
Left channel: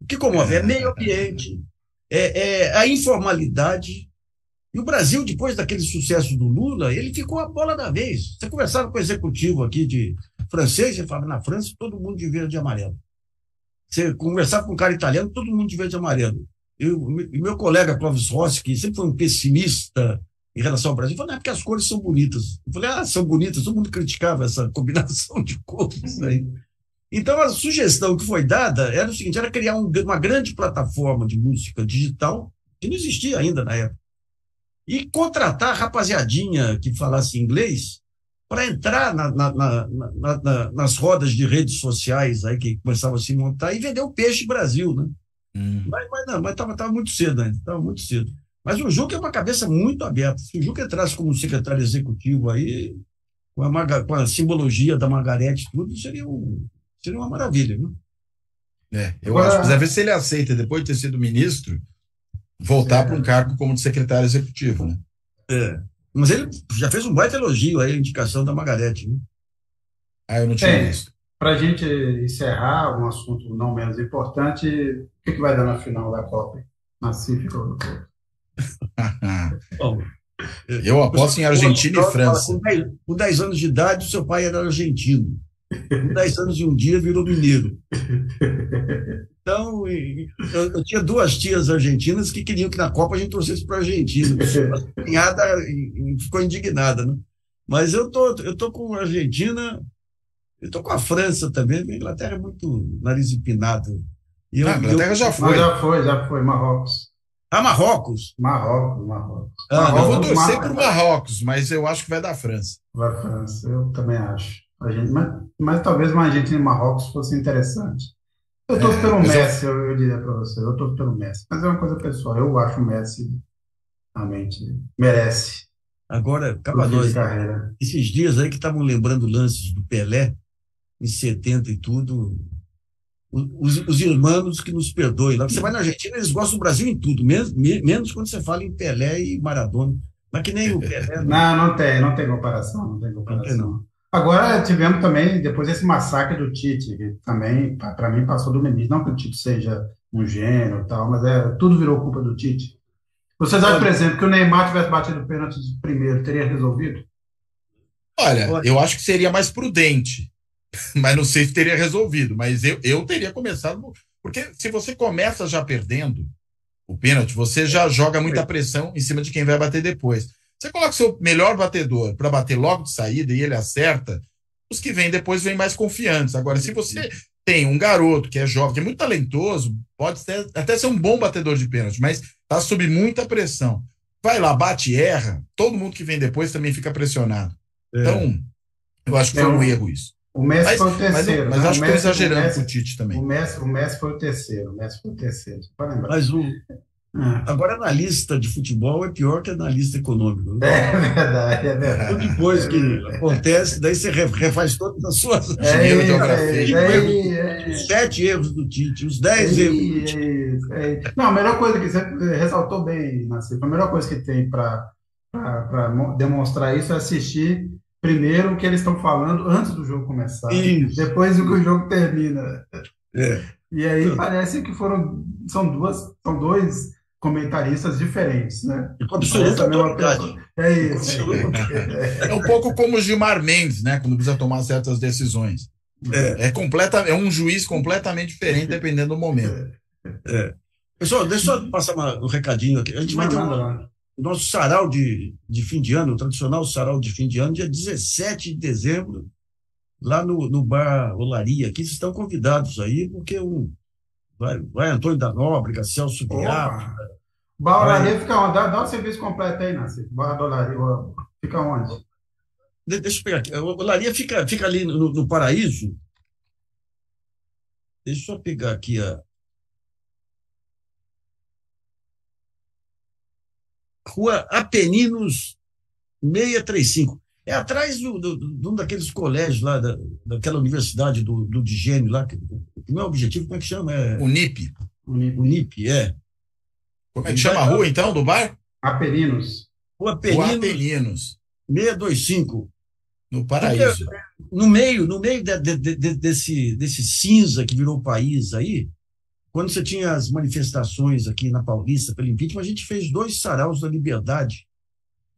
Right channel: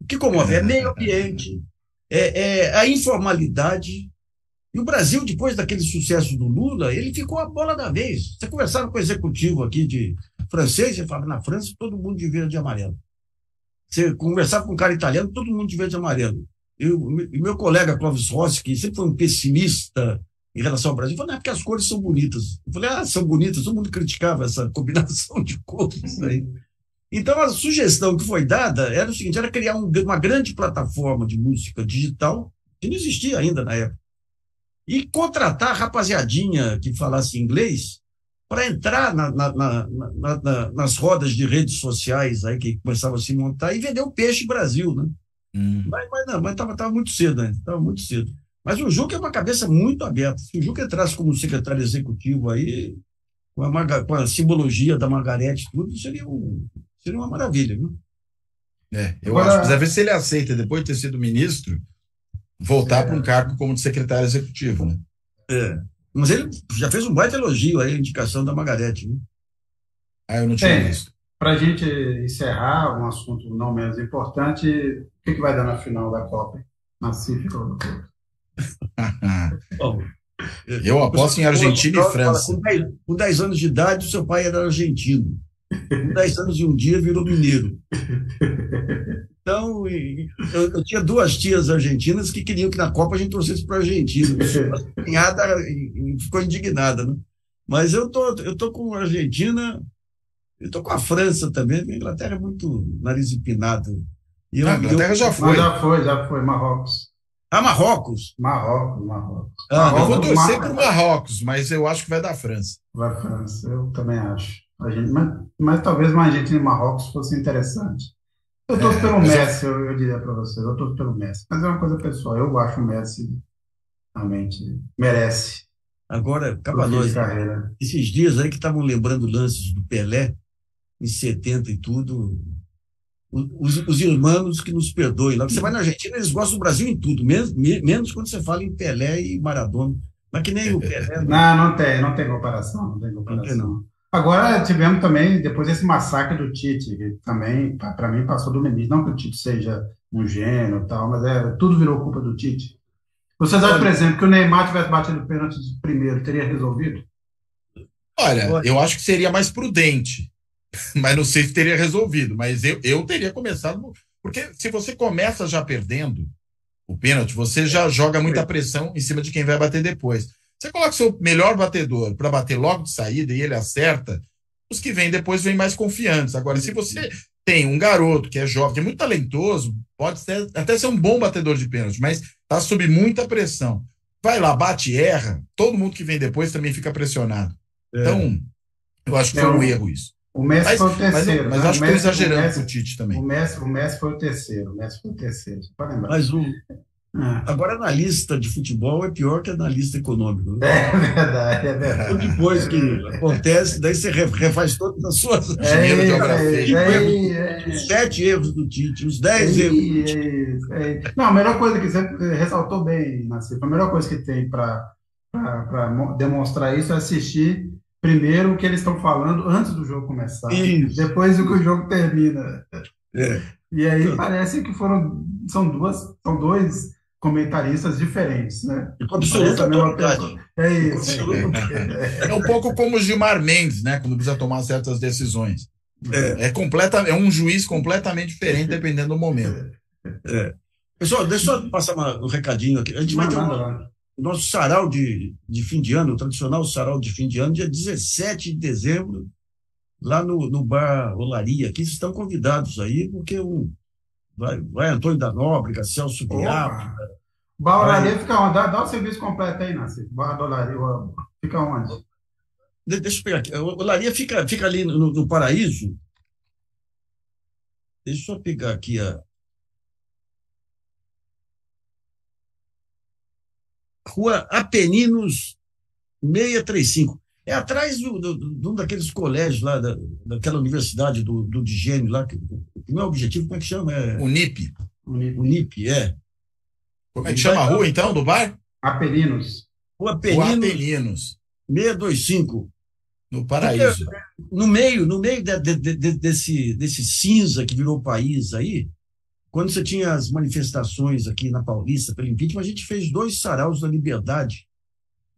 O que comove é meio ambiente, é a informalidade. E o Brasil, depois daquele sucesso do Lula, ele ficou a bola da vez. Você conversava com o executivo aqui de francês, ele falava, na França, todo mundo de verde e amarelo. Você conversava com um cara italiano, todo mundo de verde e amarelo. E meu colega Clóvis Rossi, que sempre foi um pessimista em relação ao Brasil, falou, não, é porque as cores são bonitas. Eu falei, são bonitas, todo mundo criticava essa combinação de cores aí. Então, a sugestão que foi dada era o seguinte, era criar uma grande plataforma de música digital, que não existia ainda na época, e contratar a rapaziadinha que falasse inglês para entrar nas rodas de redes sociais aí que começavam a se montar e vender o peixe Brasil, né? Mas estava muito cedo ainda, estava muito cedo. Mas o Juca é uma cabeça muito aberta. Se o Juca entrasse como secretário executivo aí, com a simbologia da Margarete, tudo, seria uma maravilha, né? Eu acho que precisa ver se ele aceita, depois de ter sido ministro, voltar para um cargo como de secretário executivo, né? Mas ele já fez um baita elogio aí, a indicação da Margarete, né? Eu não tinha visto. Para a gente encerrar um assunto não menos importante, o que vai dar na final da Copa? Na CIF do Porto. Bom, eu aposto em Argentina e França. Com 10 anos de idade, seu pai era argentino. Com 10 anos e um dia virou mineiro. Então, eu tinha 2 tias argentinas que queriam que na Copa a gente torcesse para a Argentina. A cunhada ficou indignada, né? Mas eu tô com a Argentina, eu tô com a França também. A Inglaterra é muito nariz empinado. A Inglaterra já foi. Já foi, Marrocos. Marrocos? Marrocos. Eu vou torcer para o Marrocos, mas eu acho que vai dar França. Vai França, eu também acho. Mas talvez uma Argentina e Marrocos fosse interessante. Eu torço pelo Messi, eu diria para você. Eu torço pelo Messi. Mas é uma coisa pessoal. Eu acho o Messi realmente merece. Agora, Cabanós, esses dias aí que estavam lembrando lances do Pelé, em 70 e tudo, os irmãos que nos perdoem. Lá você vai na Argentina, eles gostam do Brasil em tudo, menos quando você fala em Pelé e Maradona. Mas que nem o Pelé. Não tem comparação. Não. Agora tivemos também, depois desse massacre do Tite, que também, para mim, passou do limite. Não que o Tite seja um gênio e tal, mas tudo virou culpa do Tite. Vocês acham, por exemplo, que o Neymar tivesse batido o pênalti primeiro, teria resolvido? Olha, eu acho que seria mais prudente, mas não sei se teria resolvido. Mas eu teria começado, porque se você começa já perdendo o pênalti, você já joga muita pressão em cima de quem vai bater depois. Você coloca o seu melhor batedor para bater logo de saída e ele acerta, os que vêm depois vêm mais confiantes. Agora, se você tem um garoto que é jovem, que é muito talentoso, pode até ser um bom batedor de pênalti, mas está sob muita pressão. Vai lá, bate e erra, todo mundo que vem depois também fica pressionado. Então, eu acho que foi um erro isso. O Messi foi o terceiro. Mas acho que estou exagerando com o Tite também. O Messi foi o terceiro. Pode lembrar. Mas agora, analista de futebol é pior que analista econômico. É verdade. Depois que acontece, daí você refaz todas as suas... Os 7 erros do Tite, os 10 erros do Tite. Não, a melhor coisa que você ressaltou bem, Nassif, a melhor coisa que tem para demonstrar isso é assistir primeiro o que eles estão falando antes do jogo começar, depois o que o jogo termina. E aí parece que são dois comentaristas diferentes, né? Com absoluta autoridade. É isso. É um pouco como o Gilmar Mendes, né? Quando precisa tomar certas decisões. É um juiz completamente diferente dependendo do momento. Pessoal, deixa eu passar um recadinho aqui. A gente vai ter o nosso sarau de fim de ano, o tradicional sarau de fim de ano, dia 17 de dezembro, lá no Bar Olaria. Aqui vocês estão convidados aí, porque vai Antônio da Nóbrega, Celso Biafra. Bar Olaria fica onde? Dá o serviço completo aí, Nassif. Bar Olaria fica onde? Deixa eu pegar aqui. A Olaria fica ali no Paraíso. Deixa eu pegar aqui a Rua Apeninos 635. É atrás de um daqueles colégios lá, daquela universidade do Digênio lá, que não é objetivo, como é que chama? Unip. Unip, é. Como é que chama a rua, então, do bar? Apeninos. Rua Apeninos 625. No Paraíso. No meio desse cinza que virou o país aí, quando você tinha as manifestações aqui na Paulista pelo impeachment, a gente fez 2 saraus da liberdade.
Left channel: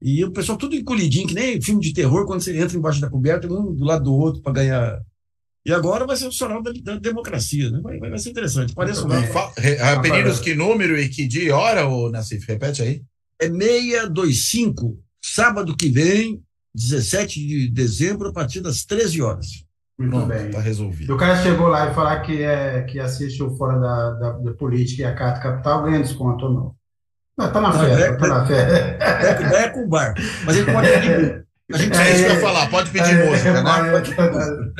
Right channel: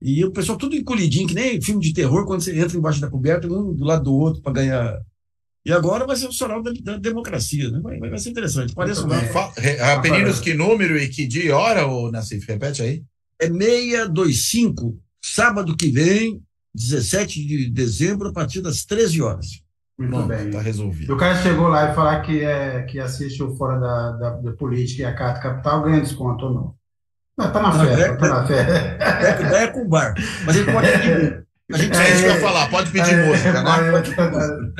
E o pessoal tudo encolhidinho, que nem filme de terror, quando você entra embaixo da coberta, um do lado do outro para ganhar. E agora vai ser o sarau da democracia, né? Vai ser interessante. Parece Apeninos, que número e que dia e hora, Nassif? Repete aí. É 625, sábado que vem, 17 de dezembro, a partir das 13 horas. Muito bem. Está resolvido. E o cara chegou lá e falar que assiste o Fora da Política e a Carta Capital, ganha desconto ou não? Está na fé. É com o bar. Mas ele pode pedir. A gente vai falar, pode pedir música, né?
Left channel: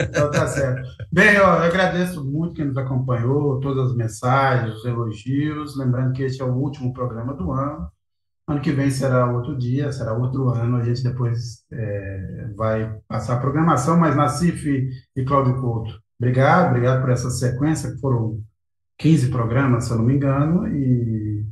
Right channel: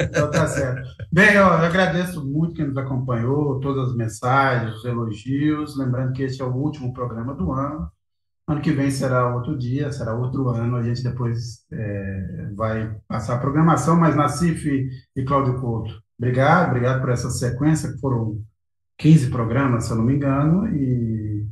Então tá certo. Bem, eu agradeço muito quem nos acompanhou, todas as mensagens, os elogios. Lembrando que este é o último programa do ano. Ano que vem será outro dia, será outro ano. A gente depois vai passar a programação, mas Nassif e Cláudio Couto, obrigado por essa sequência, que foram 15 programas, se eu não me engano, e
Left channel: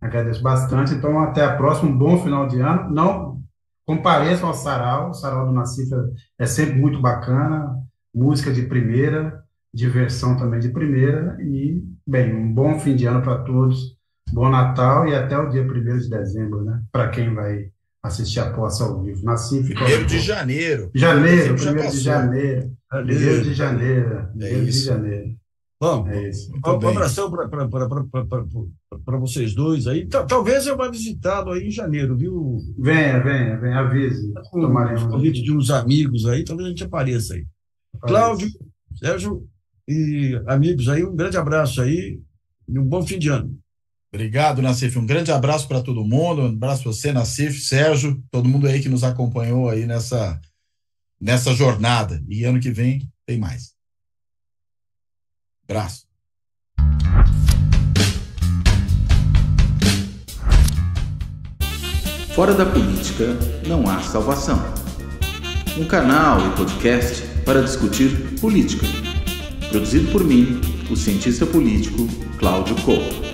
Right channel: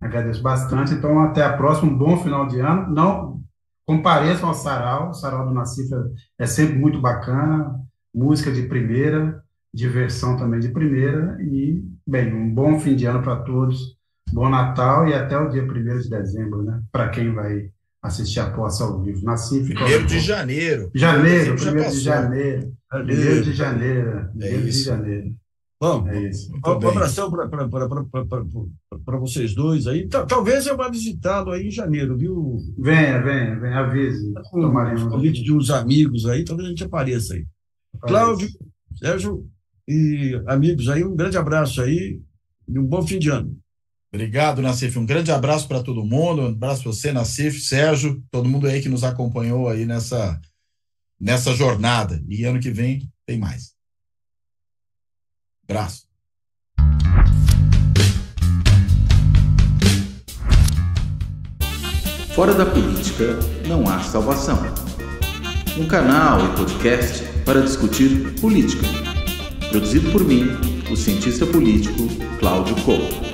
agradeço bastante. Então, até a próxima, um bom final de ano. Não compareçam ao sarau, o sarau do Nassif é sempre muito bacana, música de primeira, diversão também de primeira, e, bem, um bom fim de ano para todos, bom Natal e até o dia 1º de dezembro, né? Para quem vai assistir a posse ao vivo. Nassif, 1º de janeiro. 1º de janeiro. 1º de janeiro. É isso. Bom, É isso. um abração para vocês dois aí. Talvez eu vá visitá-lo aí em janeiro, viu? Venha, avise. Com o convite de uns amigos aí, talvez a gente apareça aí. Cláudio, Sérgio e amigos aí, um grande abraço aí e um bom fim de ano. Obrigado, Nassif. Um grande abraço para todo mundo. Um abraço para você, Nassif, Sérgio, todo mundo aí que nos acompanhou aí nessa jornada. E ano que vem tem mais. Abraço. Fora da política não há salvação. Um canal e podcast para discutir política. Produzido por mim, o cientista político Cláudio Couto.